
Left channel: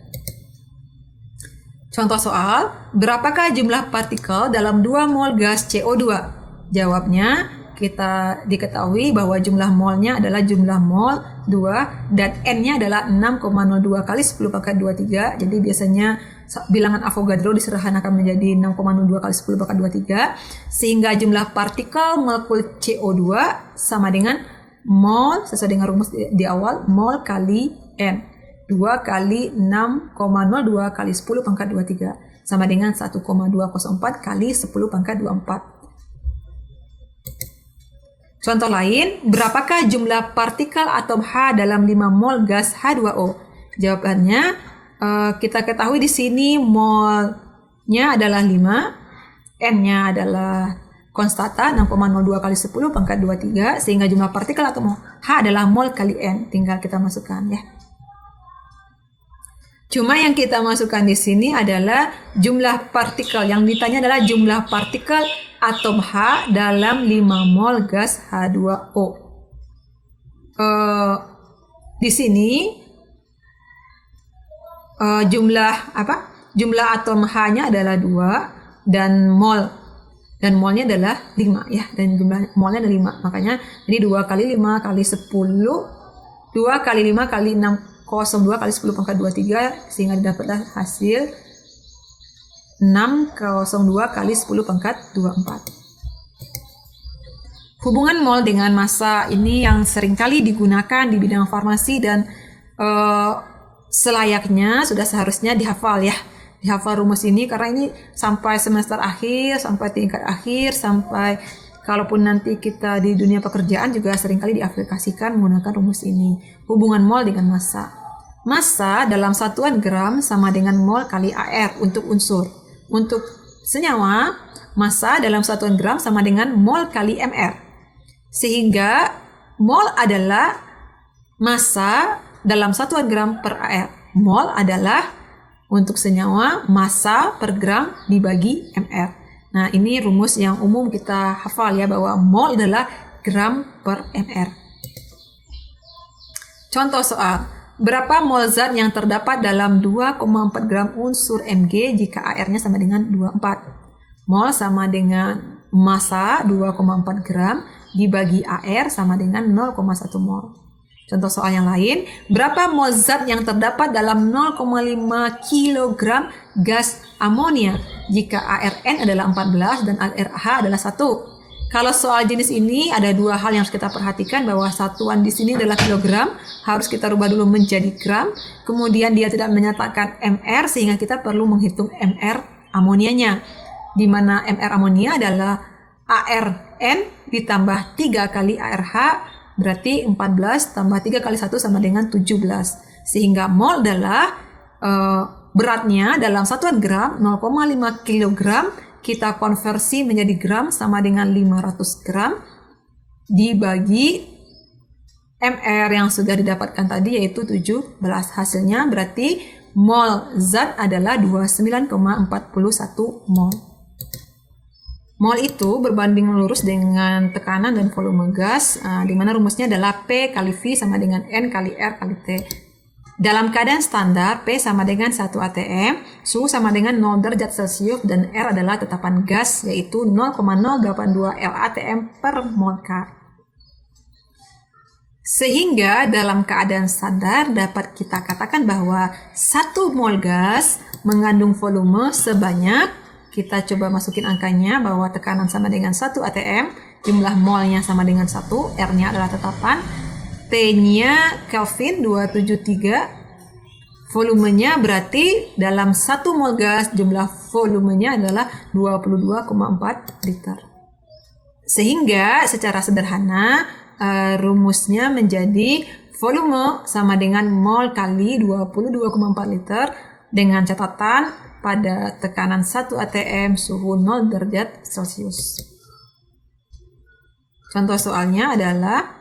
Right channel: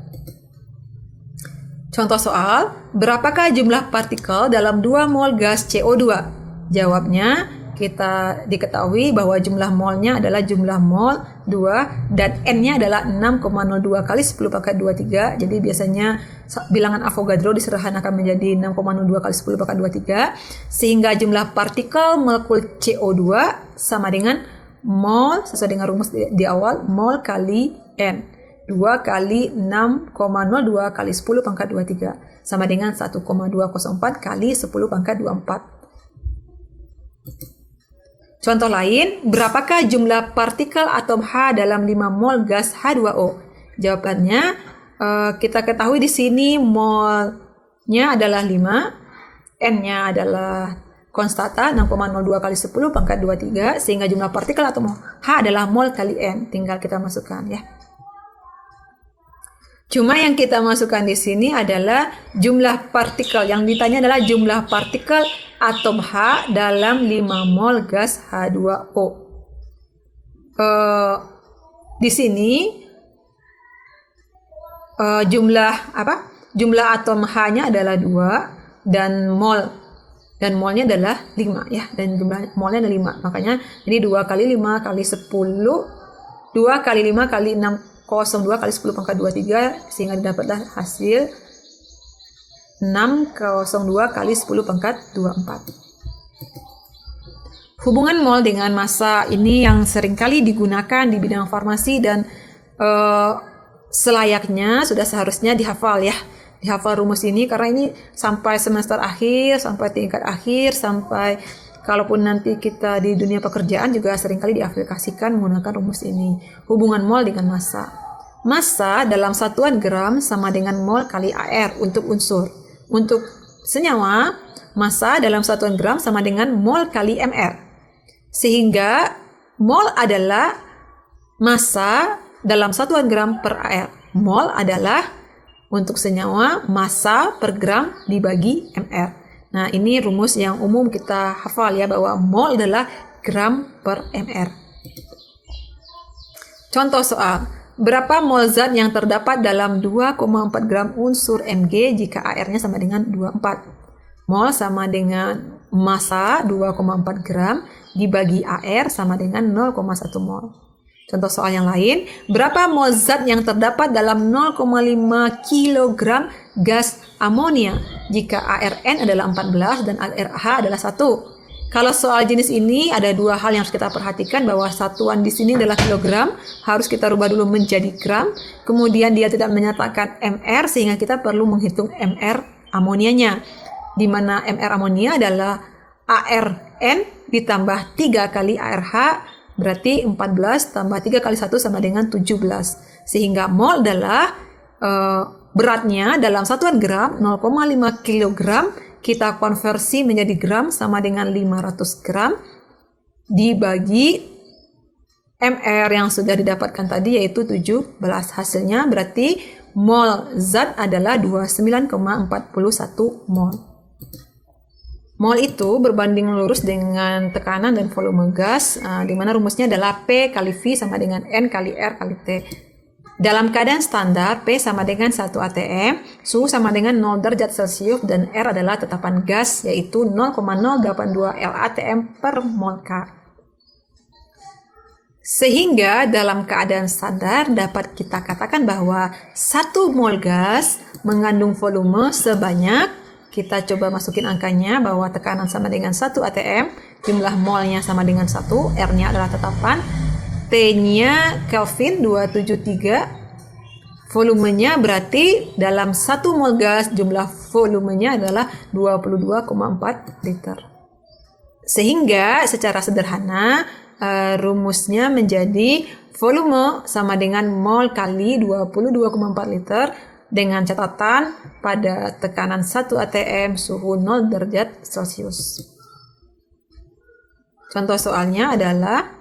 Contoh soal, berapakah jumlah partikel dalam 2 mol gas CO2? Jawabnya, kita diketahui bahwa jumlah molnya adalah jumlah mol 2 dan N-nya adalah 6,02 kali 10 pangkat 23. Jadi biasanya bilangan Avogadro disederhanakan menjadi 6,02 kali 10 pangkat 23. Sehingga jumlah partikel molekul CO2 sama dengan mol, sesuai dengan rumus di awal, mol kali N. 2 kali 6,02 kali 10 pangkat 23 sama dengan 1,204 kali 10 pangkat 24. Contoh lain, berapakah jumlah partikel atom H dalam 5 mol gas H2O? Jawabannya, kita ketahui di sini molnya adalah 5, N-nya adalah konstanta 6,02 kali 10 pangkat 23, sehingga jumlah partikel atom H adalah mol kali N. Tinggal kita masukkan ya. Cuma yang kita masukkan di sini adalah jumlah partikel. Yang ditanya adalah jumlah partikel atom H dalam 5 mol gas H2O. Di sini jumlah atom H-nya adalah 2 dan molnya adalah 5 ya, dan jumlah molnya ada 5. Makanya ini 2 kali 5 kali 10, 2 kali 5 kali 6,02 kali 10 pangkat 23, sehingga didapatkan hasil 6,02 kali 10 pangkat 24. Hubungan mol dengan massa ini yang seringkali digunakan di bidang farmasi dan selayaknya sudah seharusnya dihafal ya. Dihafal rumus ini karena ini sampai semester akhir, sampai tingkat akhir, sampai kalaupun nanti kita di dunia pekerjaan juga seringkali diaplikasikan menggunakan rumus ini. Hubungan mol dengan massa. Massa dalam satuan gram sama dengan mol kali AR untuk unsur. Untuk senyawa, massa dalam satuan gram sama dengan mol kali MR. Sehingga mol adalah massa dalam satuan gram per AR. Mol adalah untuk senyawa massa per gram dibagi mR. Nah, ini rumus yang umum kita hafal ya, bahwa mol adalah gram per mR. Contoh soal, berapa mol zat yang terdapat dalam 2,4 gram unsur Mg jika AR-nya sama dengan 24? Mol sama dengan massa 2,4 gram dibagi AR sama dengan 0,1 mol. Contoh soal yang lain, berapa mol zat yang terdapat dalam 0,5 kg gas amonia jika ARN adalah 14 dan ARH adalah 1? Kalau soal jenis ini ada dua hal yang harus kita perhatikan, bahwa satuan di sini adalah kilogram, harus kita rubah dulu menjadi gram. Kemudian dia tidak menyatakan mR sehingga kita perlu menghitung mR amonianya, di mana mR amonia adalah ARN ditambah 3 kali ARH, berarti 14 tambah 3 kali 1 sama dengan 17. Sehingga mol adalah beratnya dalam satuan gram 0,5 kg, kita konversi menjadi gram sama dengan 500 gram dibagi mR yang sudah didapatkan tadi yaitu 17. Hasilnya berarti mol zat adalah 29,41 mol. Mol itu berbanding lurus dengan tekanan dan volume gas, di mana rumusnya adalah P kali V sama dengan N kali R kali T. Dalam keadaan standar, P sama dengan 1 atm, suhu sama dengan 0 derajat Celcius, dan R adalah tetapan gas, yaitu 0,082 LATM per mol K. Sehingga dalam keadaan standar dapat kita katakan bahwa 1 mol gas mengandung volume sebanyak, kita coba masukin angkanya, bahwa tekanan sama dengan 1 atm, jumlah molnya sama dengan 1, R-nya adalah tetapan, T-nya Kelvin 273, volumenya berarti dalam 1 mol gas jumlah volumenya adalah 22,4 liter. Sehingga secara sederhana rumusnya menjadi volume sama dengan mol kali 22,4 liter, dengan catatan pada tekanan 1 atm, suhu 0 derajat Celcius. Contoh soalnya adalah,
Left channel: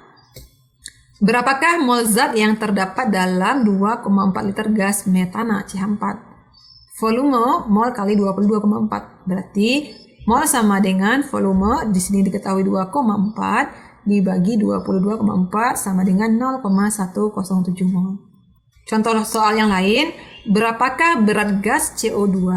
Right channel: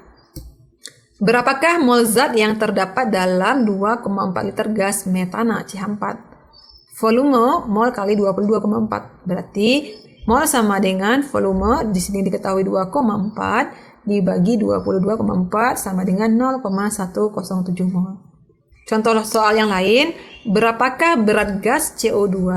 berapakah mol zat yang terdapat dalam 2,4 liter gas metana CH4? Volume mol kali 22,4, berarti mol sama dengan volume, di sini diketahui 2,4 dibagi 22,4 sama dengan 0,107 mol. Contoh soal yang lain, berapakah berat gas CO2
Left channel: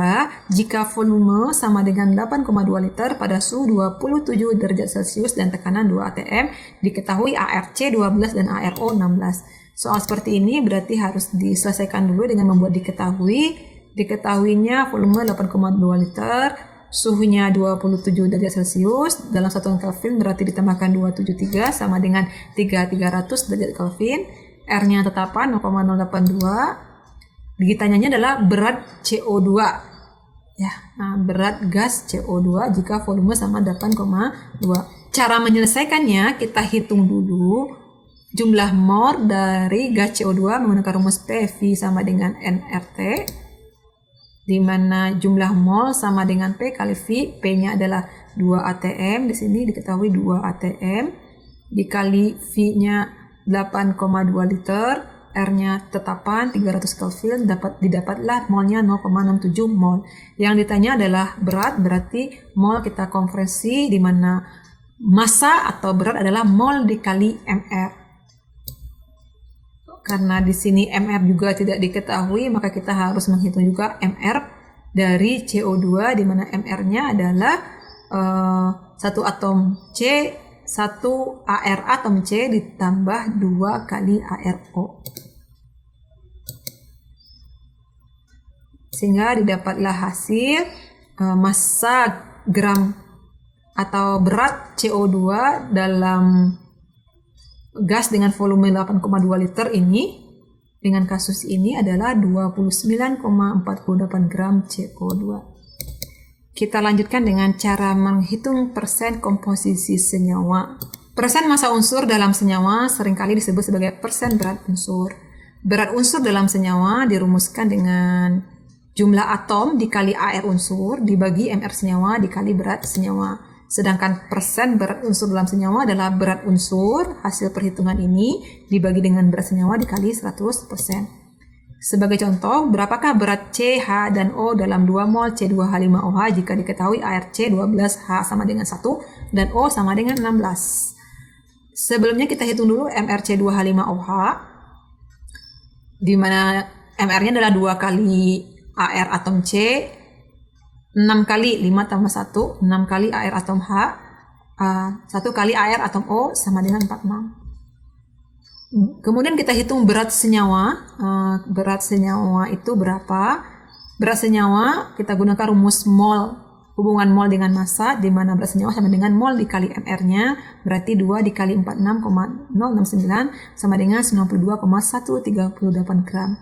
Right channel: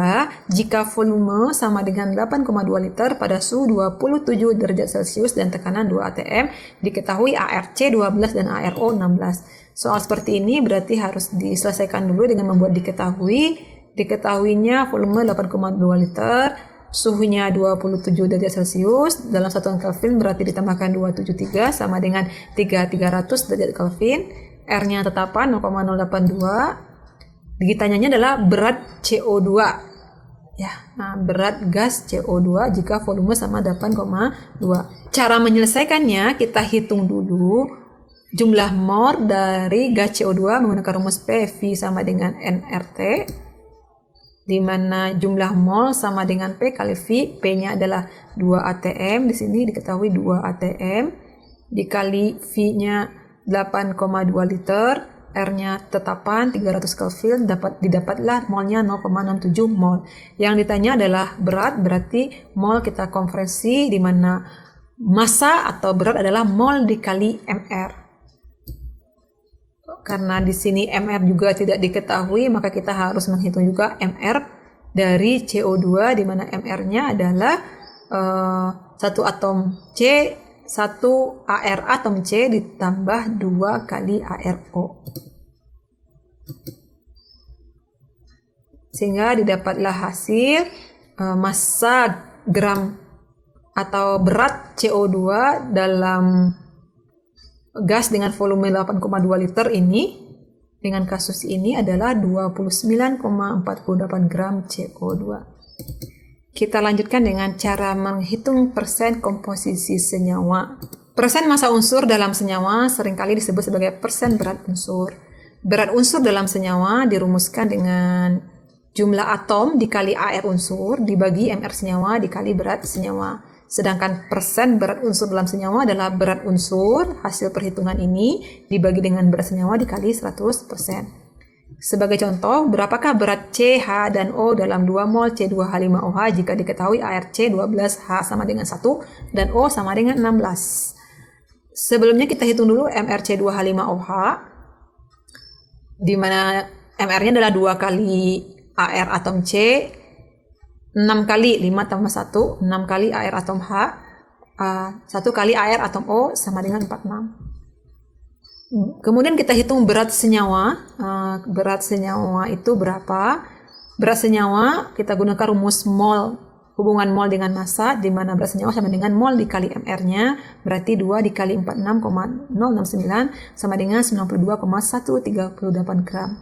jika volume sama dengan 8,2 liter pada suhu 27 derajat Celcius dan tekanan 2 atm, diketahui ARC 12 dan ARO 16. Soal seperti ini berarti harus diselesaikan dulu dengan membuat diketahuinya volume 8,2 liter, suhunya 27 derajat Celcius, dalam satuan Kelvin berarti ditambahkan 273 sama dengan 300 derajat Kelvin, R-nya tetapan 0,082. Ditanyanya adalah berat CO2. Ya, berat gas CO2 jika volume sama 8,2. Cara menyelesaikannya kita hitung dulu jumlah mol dari gas CO2 menggunakan rumus PV sama dengan nRT, di mana jumlah mol sama dengan P kali V, P-nya adalah 2 atm, di sini diketahui 2 atm, dikali V-nya 8,2 liter, R-nya tetapan 300 Kelvin, didapatlah molnya 0,67 mol. Yang ditanya adalah berat, berarti mol kita konversi, di mana massa atau berat adalah mol dikali mR. Karena di sini mR juga tidak diketahui, maka kita harus menghitung juga mR dari CO2, di mana mR-nya adalah 1 atom C, 1 AR atom C ditambah 2 kali ARO. Sehingga didapatlah hasil massa gram atau berat CO2 dalam gas dengan volume 8,2 liter ini, dengan kasus ini adalah 29,48 gram CO2. Kita lanjutkan dengan cara menghitung persen komposisi senyawa. Persen massa unsur dalam senyawa seringkali disebut sebagai persen berat unsur. Berat unsur dalam senyawa dirumuskan dengan jumlah atom dikali AR unsur dibagi MR senyawa dikali berat senyawa. Sedangkan persen berat unsur dalam senyawa adalah berat unsur hasil perhitungan ini dibagi dengan berat senyawa dikali 100%. Sebagai contoh, berapakah berat CH dan O dalam 2 mol C2H5OH jika diketahui air C12H sama dengan 1 dan O sama dengan 16. Sebelumnya kita hitung dulu MrC2H5OH, di mana MR-nya adalah 2 kali AR atom C, 6 kali 5 tambah 1, 6 kali AR atom H, 1 kali AR atom O sama dengan 46. Kemudian kita hitung berat senyawa. Berat senyawa itu berapa? Berat senyawa kita gunakan rumus mol, hubungan mol dengan massa, di mana berat senyawa sama dengan mol dikali MR-nya, berarti 2 dikali 46,069 sama dengan 92,138 gram.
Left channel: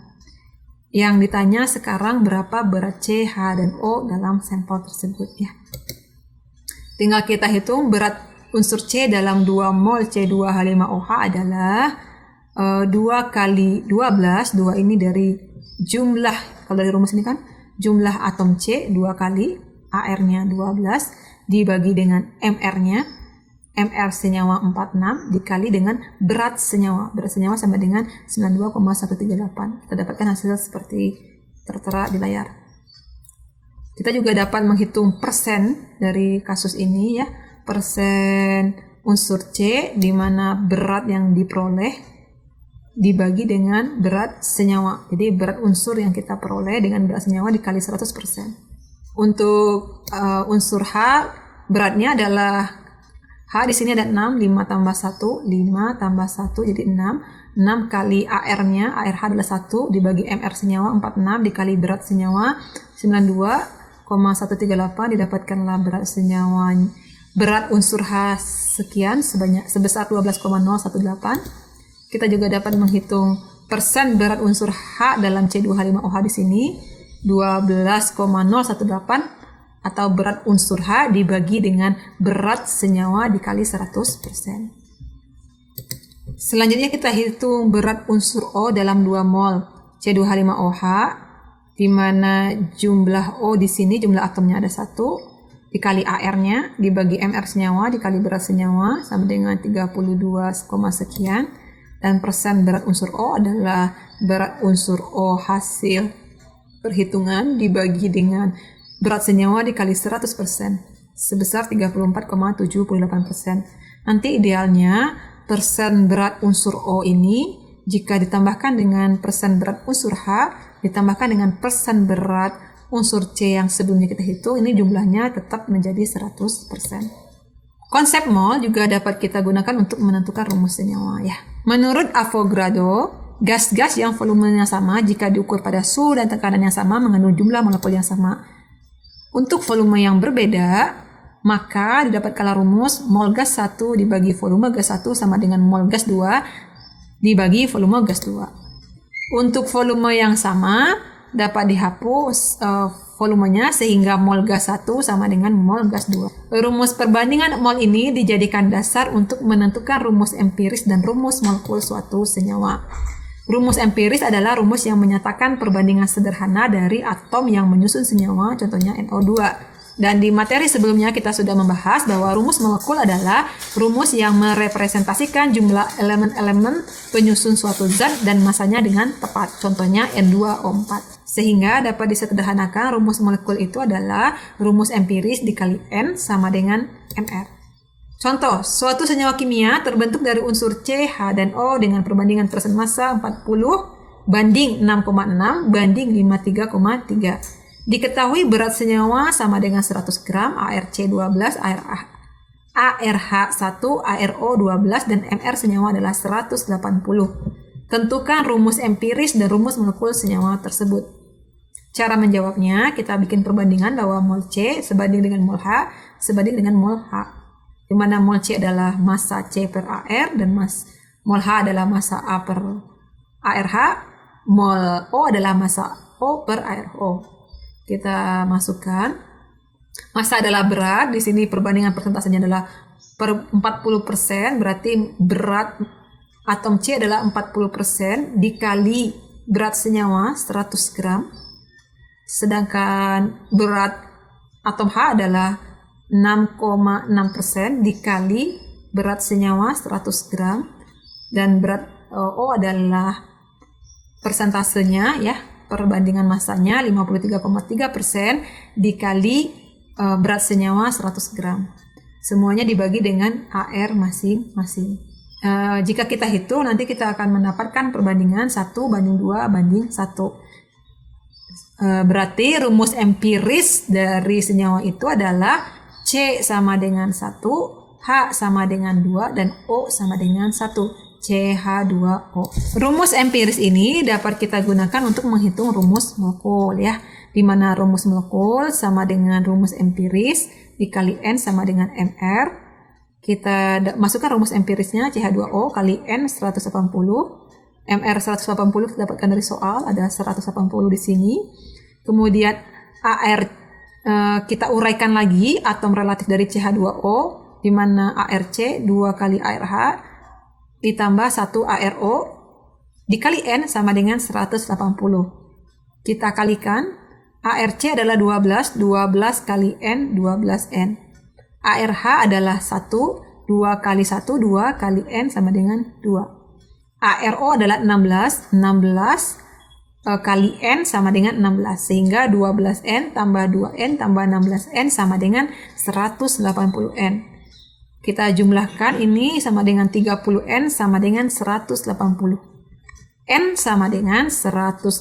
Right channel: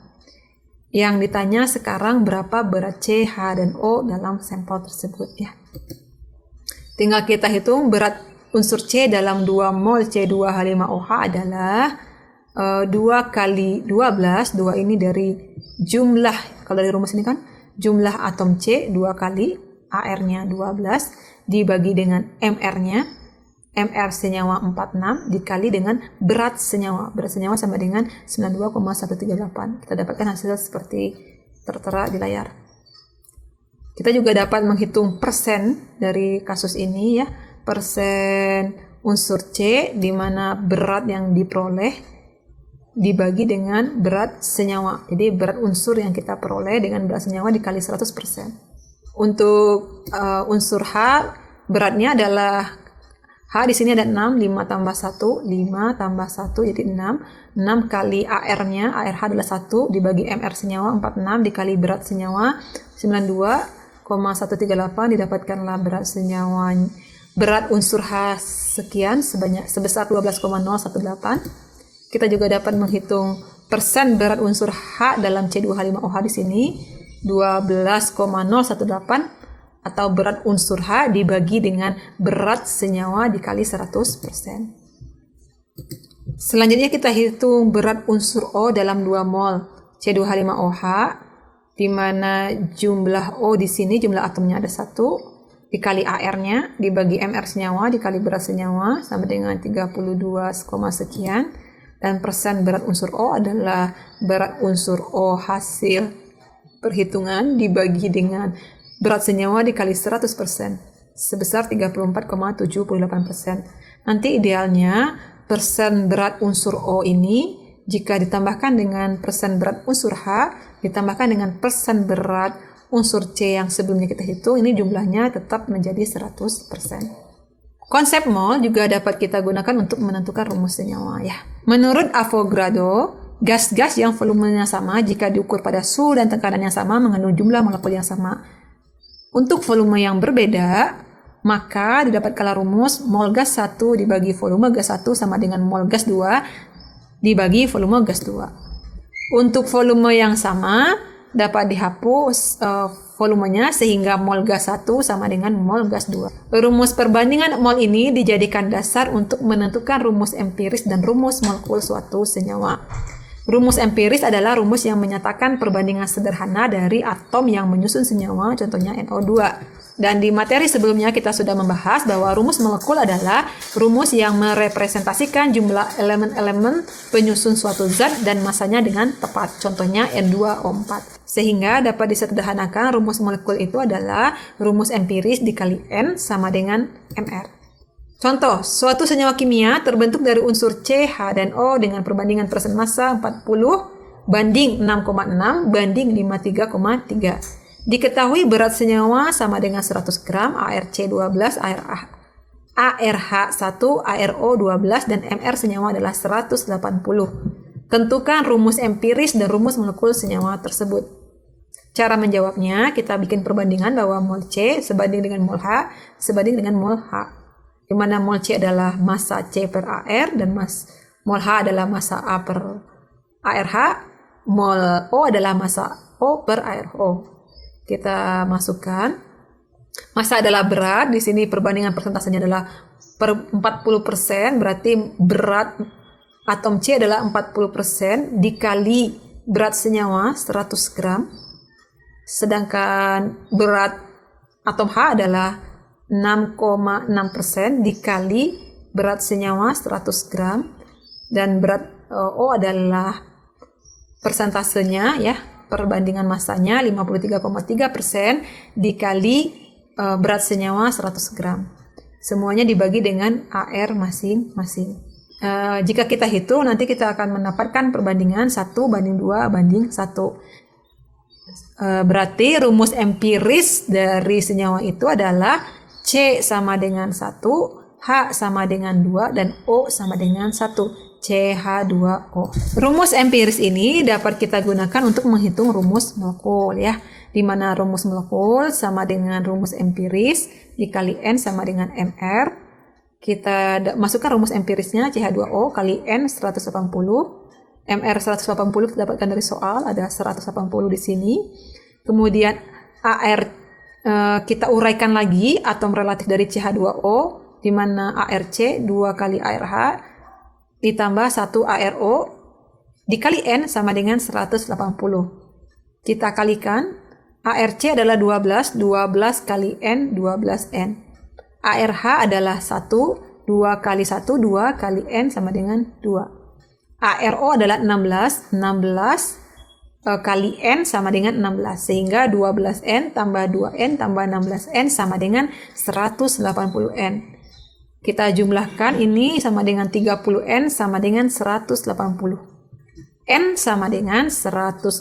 Yang ditanya sekarang berapa berat C, H, dan O dalam sampel tersebut ya. Tinggal kita hitung berat unsur C dalam 2 mol C2H5OH adalah 2 kali 12, 2 ini dari jumlah, kalau dari rumus ini kan, jumlah atom C 2 kali AR-nya 12 dibagi dengan MR-nya, MR senyawa 46 dikali dengan berat senyawa. Berat senyawa sama dengan 92,138. Kita dapatkan hasil seperti tertera di layar. Kita juga dapat menghitung persen dari kasus ini ya, persen unsur C di mana berat yang diperoleh dibagi dengan berat senyawa. Jadi berat unsur yang kita peroleh dengan berat senyawa dikali 100%. Untuk unsur H, beratnya adalah H di sini ada 6, 5 tambah 1, 5 tambah 1 jadi 6. 6 kali AR-nya, ARH adalah 1 dibagi MR senyawa 46 dikali berat senyawa 92,138 didapatkanlah berat senyawa. Berat unsur H sekian sebesar 12,018. Kita juga dapat menghitung persen berat unsur H dalam C2H5OH di sini 12,018 atau berat unsur H dibagi dengan berat senyawa dikali 100%. Selanjutnya kita hitung berat unsur O dalam 2 mol C2H5OH di mana jumlah O di sini jumlah atomnya ada 1 dikali AR-nya dibagi MR senyawa dikali berat senyawa sama dengan 32, sekian. Dan persen berat unsur O adalah berat unsur O hasil perhitungan dibagi dengan berat senyawa dikali 100% sebesar 34,78%. Nanti idealnya persen berat unsur O ini jika ditambahkan dengan persen berat unsur H ditambahkan dengan persen berat unsur C yang sebelumnya kita hitung, ini jumlahnya tetap menjadi 100%. Konsep mol juga dapat kita gunakan untuk menentukan rumus senyawa ya. Menurut Avogadro, gas-gas yang volumenya sama jika diukur pada suhu dan tekanan yang sama mengandung jumlah molekul yang sama. Untuk volume yang berbeda, maka didapatkanlah rumus mol gas 1 dibagi volume gas 1 sama dengan mol gas 2 dibagi volume gas 2. Untuk volume yang sama dapat dihapus volumenya sehingga mol gas 1 sama dengan mol gas 2. Rumus perbandingan mol ini dijadikan dasar untuk menentukan rumus empiris dan rumus molekul suatu senyawa. Rumus empiris adalah rumus yang menyatakan perbandingan sederhana dari atom yang menyusun senyawa, contohnya NO2. Dan di materi sebelumnya kita sudah membahas bahwa rumus molekul adalah rumus yang merepresentasikan jumlah elemen-elemen penyusun suatu zat dan masanya dengan tepat, contohnya N2O4. Sehingga dapat disederhanakan rumus molekul itu adalah rumus empiris dikali N sama dengan MR. Contoh, suatu senyawa kimia terbentuk dari unsur C, H, dan O dengan perbandingan persen massa 40 banding 6,6 banding 53,3. Diketahui berat senyawa sama dengan 100 gram, ARC12, ARH1, ARO12, dan MR senyawa adalah 180. Tentukan rumus empiris dan rumus molekul senyawa tersebut. Cara menjawabnya, kita bikin perbandingan bahwa mol C sebanding dengan mol H sebanding dengan mol H. Di mana mol C adalah massa C per AR dan mol H adalah massa A per ARH, mol O adalah massa O per ARO. Kita masukkan. Massa adalah berat, di sini perbandingan persentasenya adalah per 40%, berarti berat atom C adalah 40% dikali berat senyawa 100 gram. Sedangkan berat atom H adalah 6,6% dikali berat senyawa 100 gram, dan berat O adalah persentasenya ya, perbandingan masanya 53,3% dikali berat senyawa 100 gram. Semuanya dibagi dengan AR masing-masing. Jika kita hitung, nanti kita akan mendapatkan perbandingan 1:2:1. Berarti rumus empiris dari senyawa itu adalah C sama dengan 1, H sama dengan 2, dan O sama dengan 1. CH2O. Rumus empiris ini dapat kita gunakan untuk menghitung rumus molekul ya, di mana rumus molekul sama dengan rumus empiris dikali N sama dengan MR. Kita masukkan rumus empirisnya CH2O kali N 180, MR 180 kita dapatkan dari soal, ada 180 di sini. Kemudian AR kita uraikan lagi atom relatif dari CH2O, di mana ARC 2 kali ARH ditambah 1 ARO dikali N sama dengan 180. Kita kalikan, ARC adalah 12 kali N, 12N. ARH adalah 1, 2 kali 1, 2 kali N sama dengan 2. ARO adalah 16 kali N sama dengan 16. Sehingga 12N tambah 2N tambah 16N sama dengan 180N. Kita jumlahkan, ini sama dengan 30N sama dengan 180. N sama dengan 180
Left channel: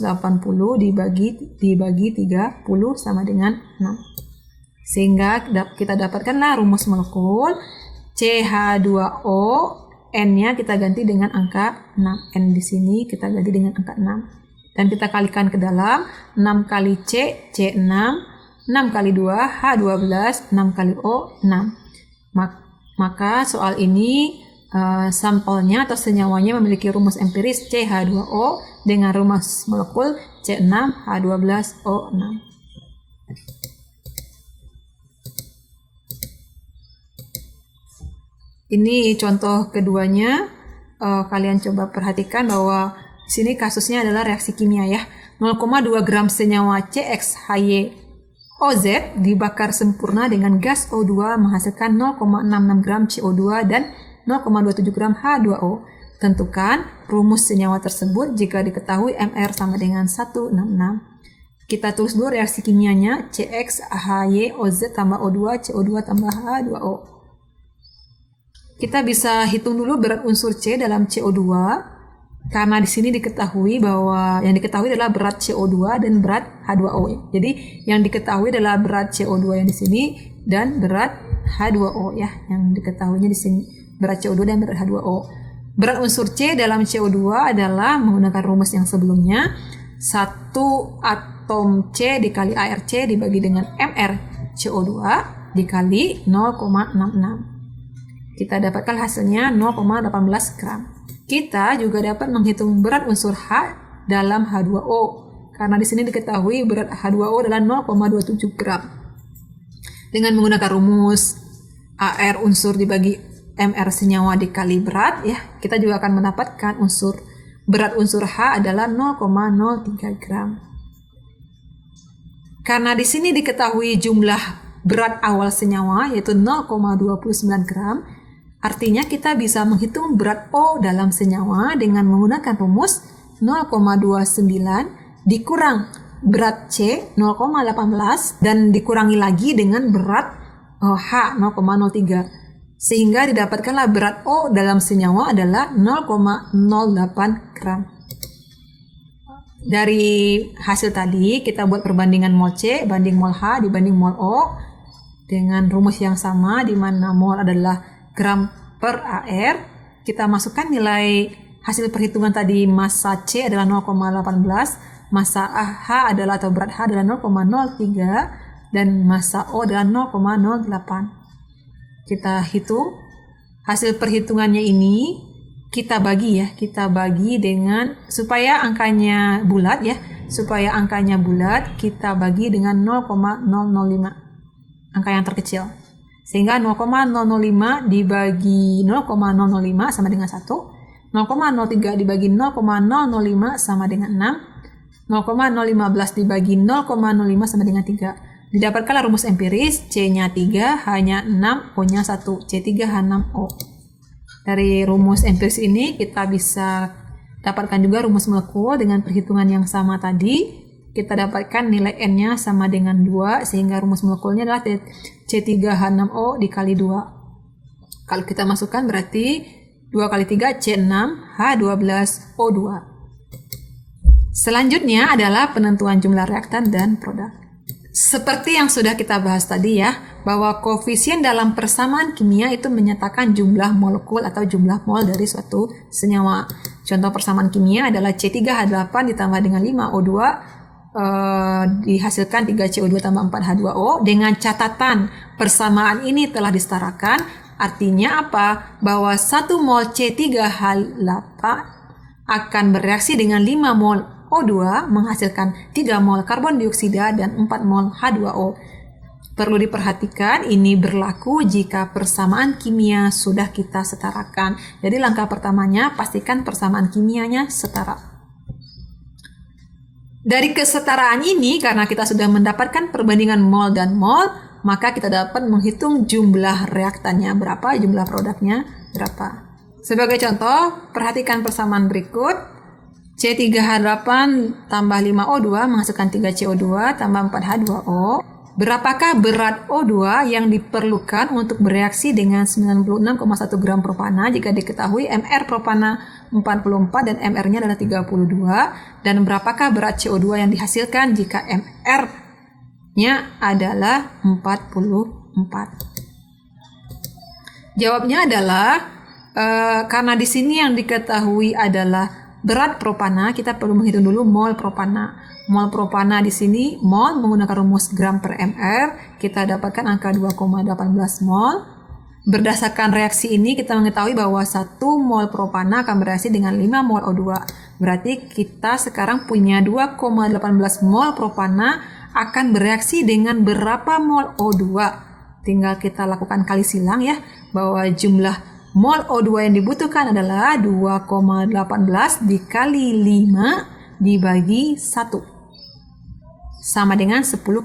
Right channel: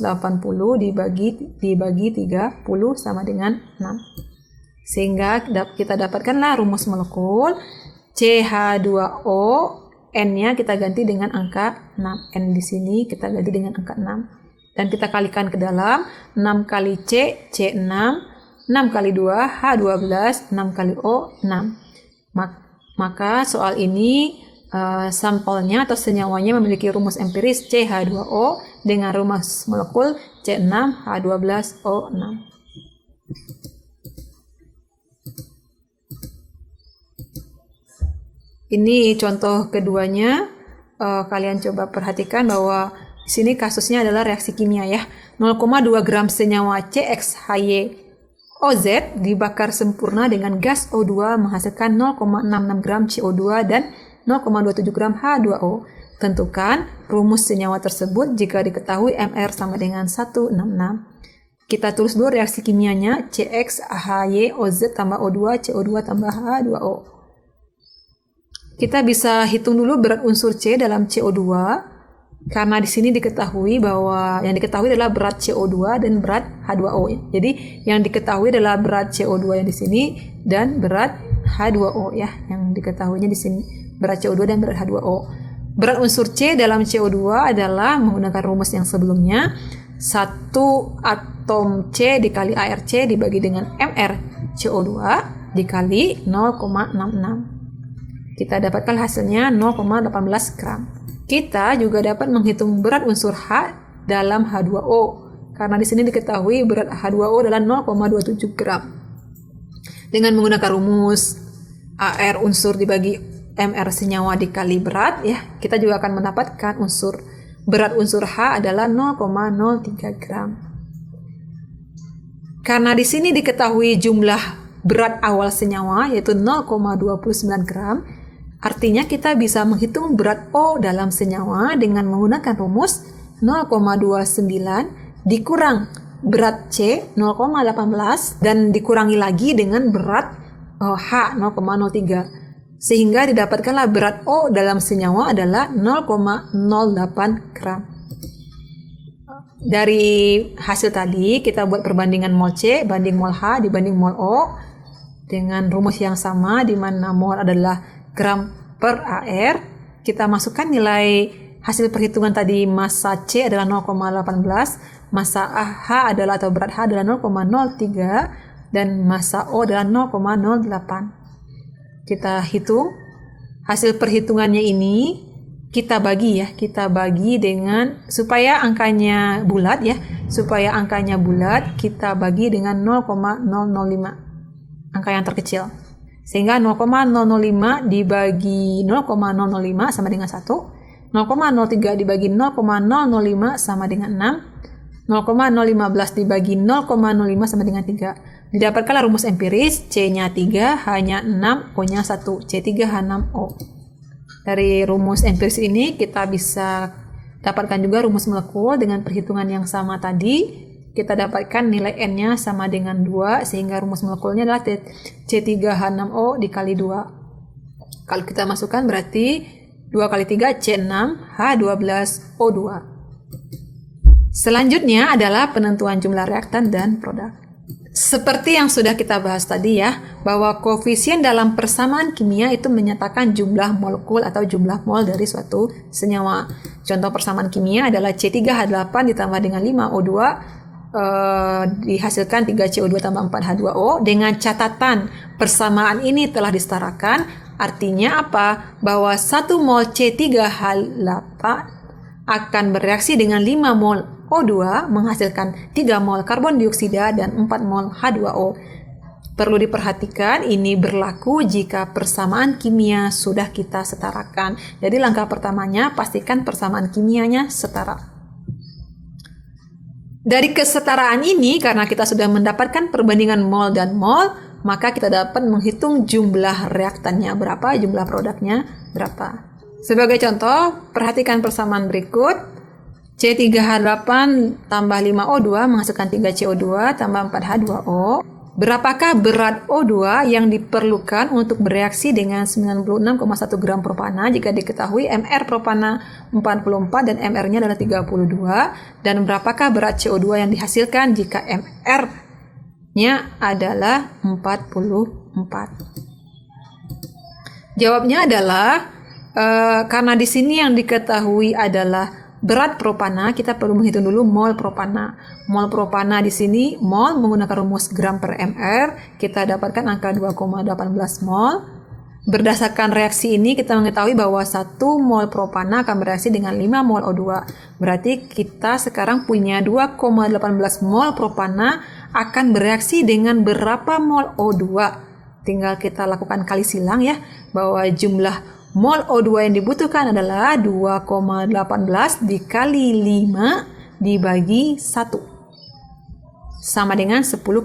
dibagi 30 sama dengan 6. Sehingga kita dapatkanlah rumus molekul CH2O, N-nya kita ganti dengan angka 6. N di sini kita ganti dengan angka 6. Dan kita kalikan ke dalam, 6 kali C, C6, 6 kali 2, H12, 6 kali O, 6. Maka soal ini sampelnya atau senyawanya memiliki rumus empiris CH2O dengan rumus molekul C6H12O6. Ini contoh keduanya. Kalian coba perhatikan bahwa di sini kasusnya adalah reaksi kimia ya. 0,2 gram senyawa CXHY OZ dibakar sempurna dengan gas O2 menghasilkan 0,66 gram CO2 dan 0,27 gram H2O. Tentukan rumus senyawa tersebut jika diketahui MR sama dengan 166. Kita tulis dulu reaksi kimianya, CXHYOZ tambah O2, CO2 tambah H2O. Kita bisa hitung dulu berat unsur C dalam CO2. Karena di sini diketahui bahwa yang diketahui adalah berat CO2 dan berat H2O. Jadi yang diketahui adalah berat CO2 yang di sini dan berat H2O ya. Yang diketahuinya di sini berat CO2 dan berat H2O. Berat unsur C dalam CO2 adalah menggunakan rumus yang sebelumnya. 1 atom C dikali ARC dibagi dengan MR CO2 dikali 0,66. Kita dapatkan hasilnya 0,18 gram. Kita juga dapat menghitung berat unsur H dalam H2O. Karena di sini diketahui berat H2O adalah 0,27 gram. Dengan menggunakan rumus AR unsur dibagi MR senyawa dikali berat ya, kita juga akan mendapatkan berat unsur H adalah 0,03 gram. Karena di sini diketahui jumlah berat awal senyawa yaitu 0,29 gram, artinya kita bisa menghitung berat O dalam senyawa dengan menggunakan rumus 0,29 dikurang berat C 0,18 dan dikurangi lagi dengan berat H 0,03. Sehingga didapatkanlah berat O dalam senyawa adalah 0,08 gram. Dari hasil tadi kita buat perbandingan mol C banding mol H dibanding mol O dengan rumus yang sama di mana mol adalah gram per AR. Kita masukkan nilai hasil perhitungan tadi, massa C adalah 0,18, massa H adalah atau berat H adalah 0,03 dan massa O adalah 0,08. Kita hitung hasil perhitungannya ini, kita bagi dengan supaya angkanya bulat ya, kita bagi dengan 0,005, angka yang terkecil. Sehingga 0,005 dibagi 0,005 sama dengan 1, 0,03 dibagi 0,005 sama dengan 6, 0,015 dibagi 0,05 sama dengan 3, Didapatkanlah rumus empiris, C-nya 3, H-nya 6, O-nya 1, C3H6O. Dari rumus empiris ini kita bisa dapatkan juga rumus molekul dengan perhitungan yang sama tadi. Kita dapatkan nilai N-nya sama dengan 2, sehingga rumus molekulnya adalah C3H6O dikali 2. Kalau kita masukkan berarti 2 kali 3 C6H12O2. Selanjutnya adalah penentuan jumlah reaktan dan produk. Seperti yang sudah kita bahas tadi ya, bahwa koefisien dalam persamaan kimia itu menyatakan jumlah molekul atau jumlah mol dari suatu senyawa. Contoh persamaan kimia adalah C3H8 ditambah dengan 5O2 dihasilkan 3CO2 tambah 4H2O. Dengan catatan persamaan ini telah disetarakan, artinya apa? Bahwa 1 mol C3H8 akan bereaksi dengan 5 mol O2 menghasilkan 3 mol karbon dioksida dan 4 mol H2O. Perlu diperhatikan, ini berlaku jika persamaan kimia sudah kita setarakan. Jadi langkah pertamanya pastikan persamaan kimianya setara. Dari kesetaraan ini, karena kita sudah mendapatkan perbandingan mol dan mol, maka kita dapat menghitung jumlah reaktannya berapa, jumlah produknya berapa. Sebagai contoh, perhatikan persamaan berikut. C3H8 tambah 5O2 menghasilkan 3CO2 tambah 4H2O. Berapakah berat O2 yang diperlukan untuk bereaksi dengan 96,1 gram propana jika diketahui MR propana 44 dan MR-nya adalah 32? Dan berapakah berat CO2 yang dihasilkan jika MR-nya adalah 44? Jawabnya adalah karena di sini yang diketahui adalah berat propana, kita perlu menghitung dulu mol propana. Mol propana di sini, mol menggunakan rumus gram per mr, kita dapatkan angka 2,18 mol. Berdasarkan reaksi ini, kita mengetahui bahwa 1 mol propana akan bereaksi dengan 5 mol O2. Berarti kita sekarang punya 2,18 mol propana akan bereaksi dengan berapa mol O2. Tinggal kita lakukan kali silang ya, bahwa jumlah mol O2 yang dibutuhkan adalah 2,18 dikali 5 dibagi 1. Sama dengan 10,9.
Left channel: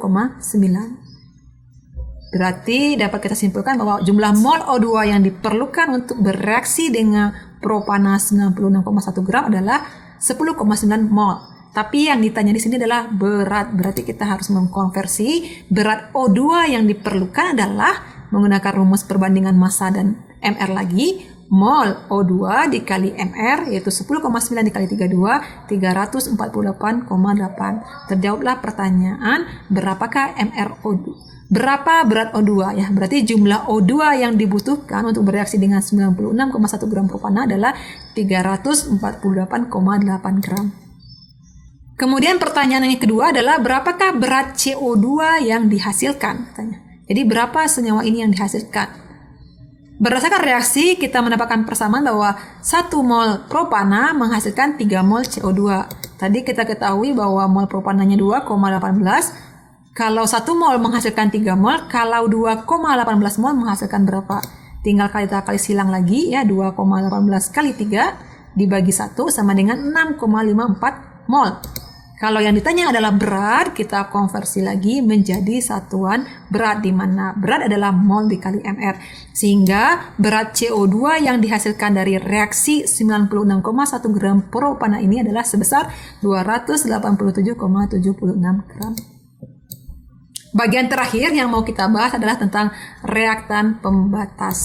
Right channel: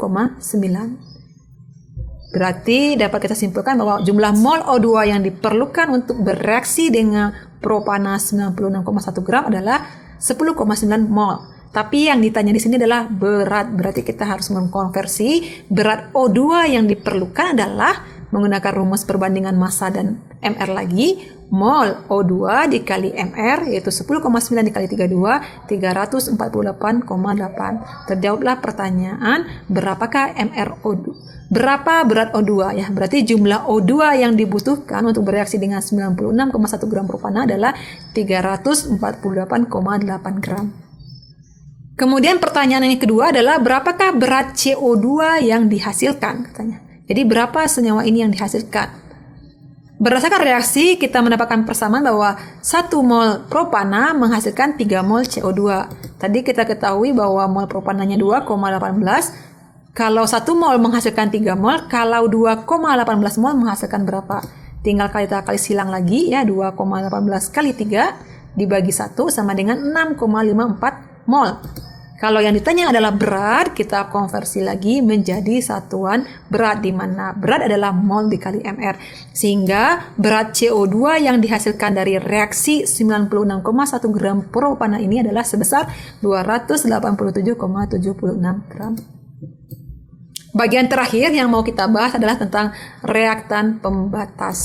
Berarti dapat kita simpulkan bahwa jumlah mol O2 yang diperlukan untuk bereaksi dengan propana 96,1 gram adalah 10,9 mol. Tapi yang ditanya di sini adalah berat. Berarti kita harus mengkonversi berat O2 yang diperlukan adalah menggunakan rumus perbandingan massa dan MR lagi, mol O2 dikali MR yaitu 10,9 dikali 32, 348,8. Terjawablah pertanyaan, berapakah MR O2? Berapa berat O2 ya? Berarti jumlah O2 yang dibutuhkan untuk bereaksi dengan 96,1 gram propana adalah 348,8 gram. Kemudian pertanyaan yang kedua adalah berapakah berat CO2 yang dihasilkan katanya. Jadi berapa senyawa ini yang dihasilkan? Berdasarkan reaksi, kita mendapatkan persamaan bahwa 1 mol propana menghasilkan 3 mol CO2. Tadi kita ketahui bahwa mol propananya 2,18. Kalau 1 mol menghasilkan 3 mol, kalau 2,18 mol menghasilkan berapa? Tinggal kita kali silang lagi ya, 2,18 kali 3 dibagi 1 sama dengan 6,54 mol. Kalau yang ditanya adalah berat, kita konversi lagi menjadi satuan berat, di mana berat adalah mol dikali mr. Sehingga berat CO2 yang dihasilkan dari reaksi 96,1 gram propana ini adalah sebesar 287,76 gram. Bagian terakhir yang mau kita bahas adalah tentang reaktan pembatas.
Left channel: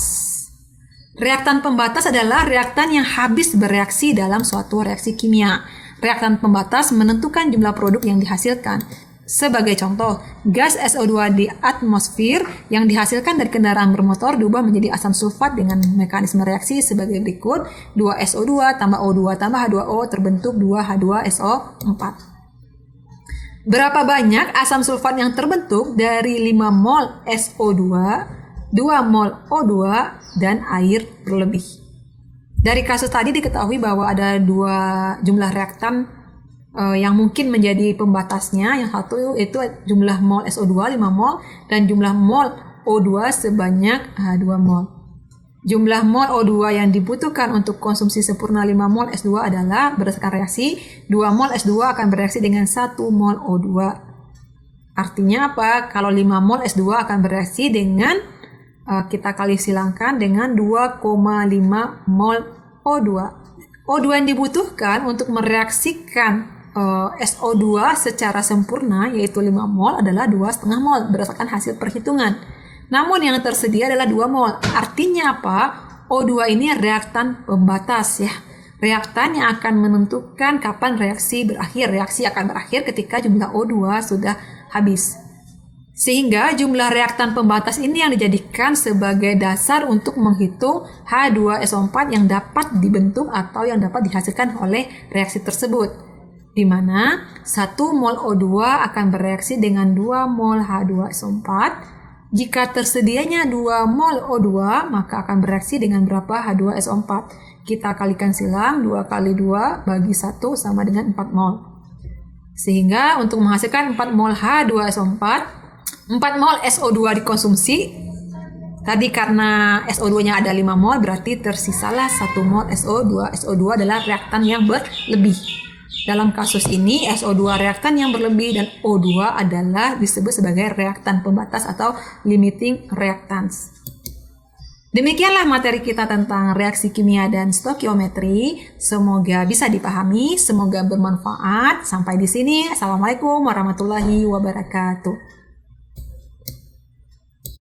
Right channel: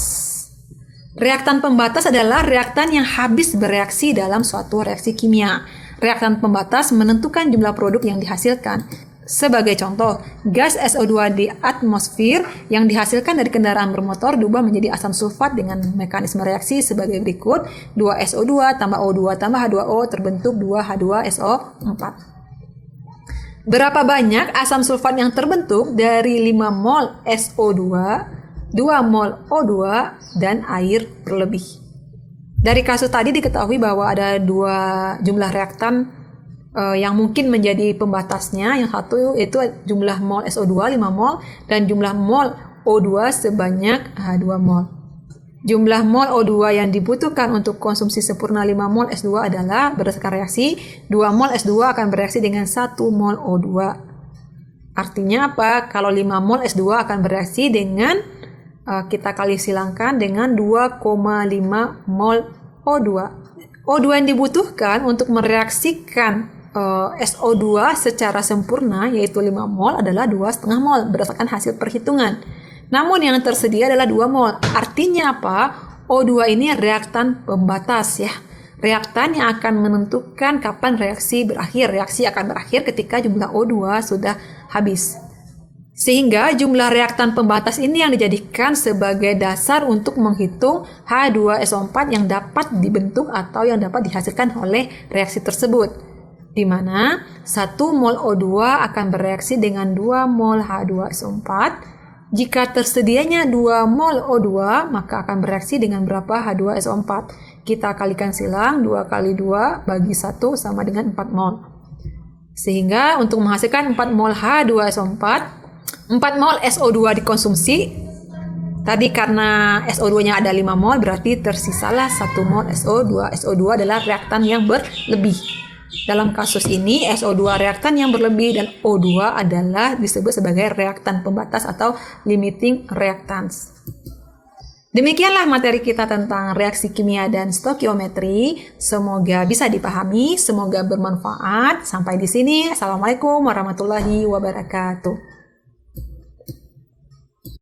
Reaktan pembatas adalah reaktan yang habis bereaksi dalam suatu reaksi kimia. Reaktan pembatas menentukan jumlah produk yang dihasilkan. Sebagai contoh, gas SO2 di atmosfer yang dihasilkan dari kendaraan bermotor diubah menjadi asam sulfat dengan mekanisme reaksi sebagai berikut. 2SO2 tambah O2 tambah H2O terbentuk 2H2SO4. Berapa banyak asam sulfat yang terbentuk dari 5 mol SO2, 2 mol O2, dan air berlebih? Dari kasus tadi diketahui bahwa ada 2 jumlah reaktan yang mungkin menjadi pembatasnya. Yang satu itu jumlah mol SO2 5 mol dan jumlah mol O2 sebanyak 2 mol. Jumlah mol O2 yang dibutuhkan untuk konsumsi sempurna 5 mol S2 adalah berdasarkan reaksi 2 mol S2 akan bereaksi dengan 1 mol O2. Artinya apa? Kalau 5 mol S2 akan bereaksi dengan kita kali silangkan dengan 2,5 mol O2. O2 yang dibutuhkan untuk mereaksikan SO2 secara sempurna yaitu 5 mol adalah 2,5 mol berdasarkan hasil perhitungan. Namun yang tersedia adalah 2 mol. Artinya apa? O2 ini reaktan pembatas ya. Reaktan yang akan menentukan kapan reaksi berakhir. Reaksi akan berakhir ketika jumlah O2 sudah habis. Sehingga jumlah reaktan pembatas ini yang dijadikan sebagai dasar untuk menghitung H2SO4 yang dapat dibentuk atau yang dapat dihasilkan oleh reaksi tersebut. Di mana 1 mol O2 akan bereaksi dengan 2 mol H2SO4. Jika tersedianya 2 mol O2, maka akan bereaksi dengan berapa H2SO4? Kita kalikan silang, 2 kali 2 bagi 1 sama dengan 4 mol. Sehingga untuk menghasilkan 4 mol H2SO4, 4 mol SO2 dikonsumsi. Tadi karena SO2-nya ada 5 mol, berarti tersisalah 1 mol SO2. SO2 adalah reaktan yang berlebih. Dalam kasus ini, SO2 reaktan yang berlebih dan O2 adalah disebut sebagai reaktan pembatas atau limiting reactants. Demikianlah materi kita tentang reaksi kimia dan stoikiometri. Semoga bisa dipahami, semoga bermanfaat. Sampai di sini. Assalamualaikum warahmatullahi wabarakatuh.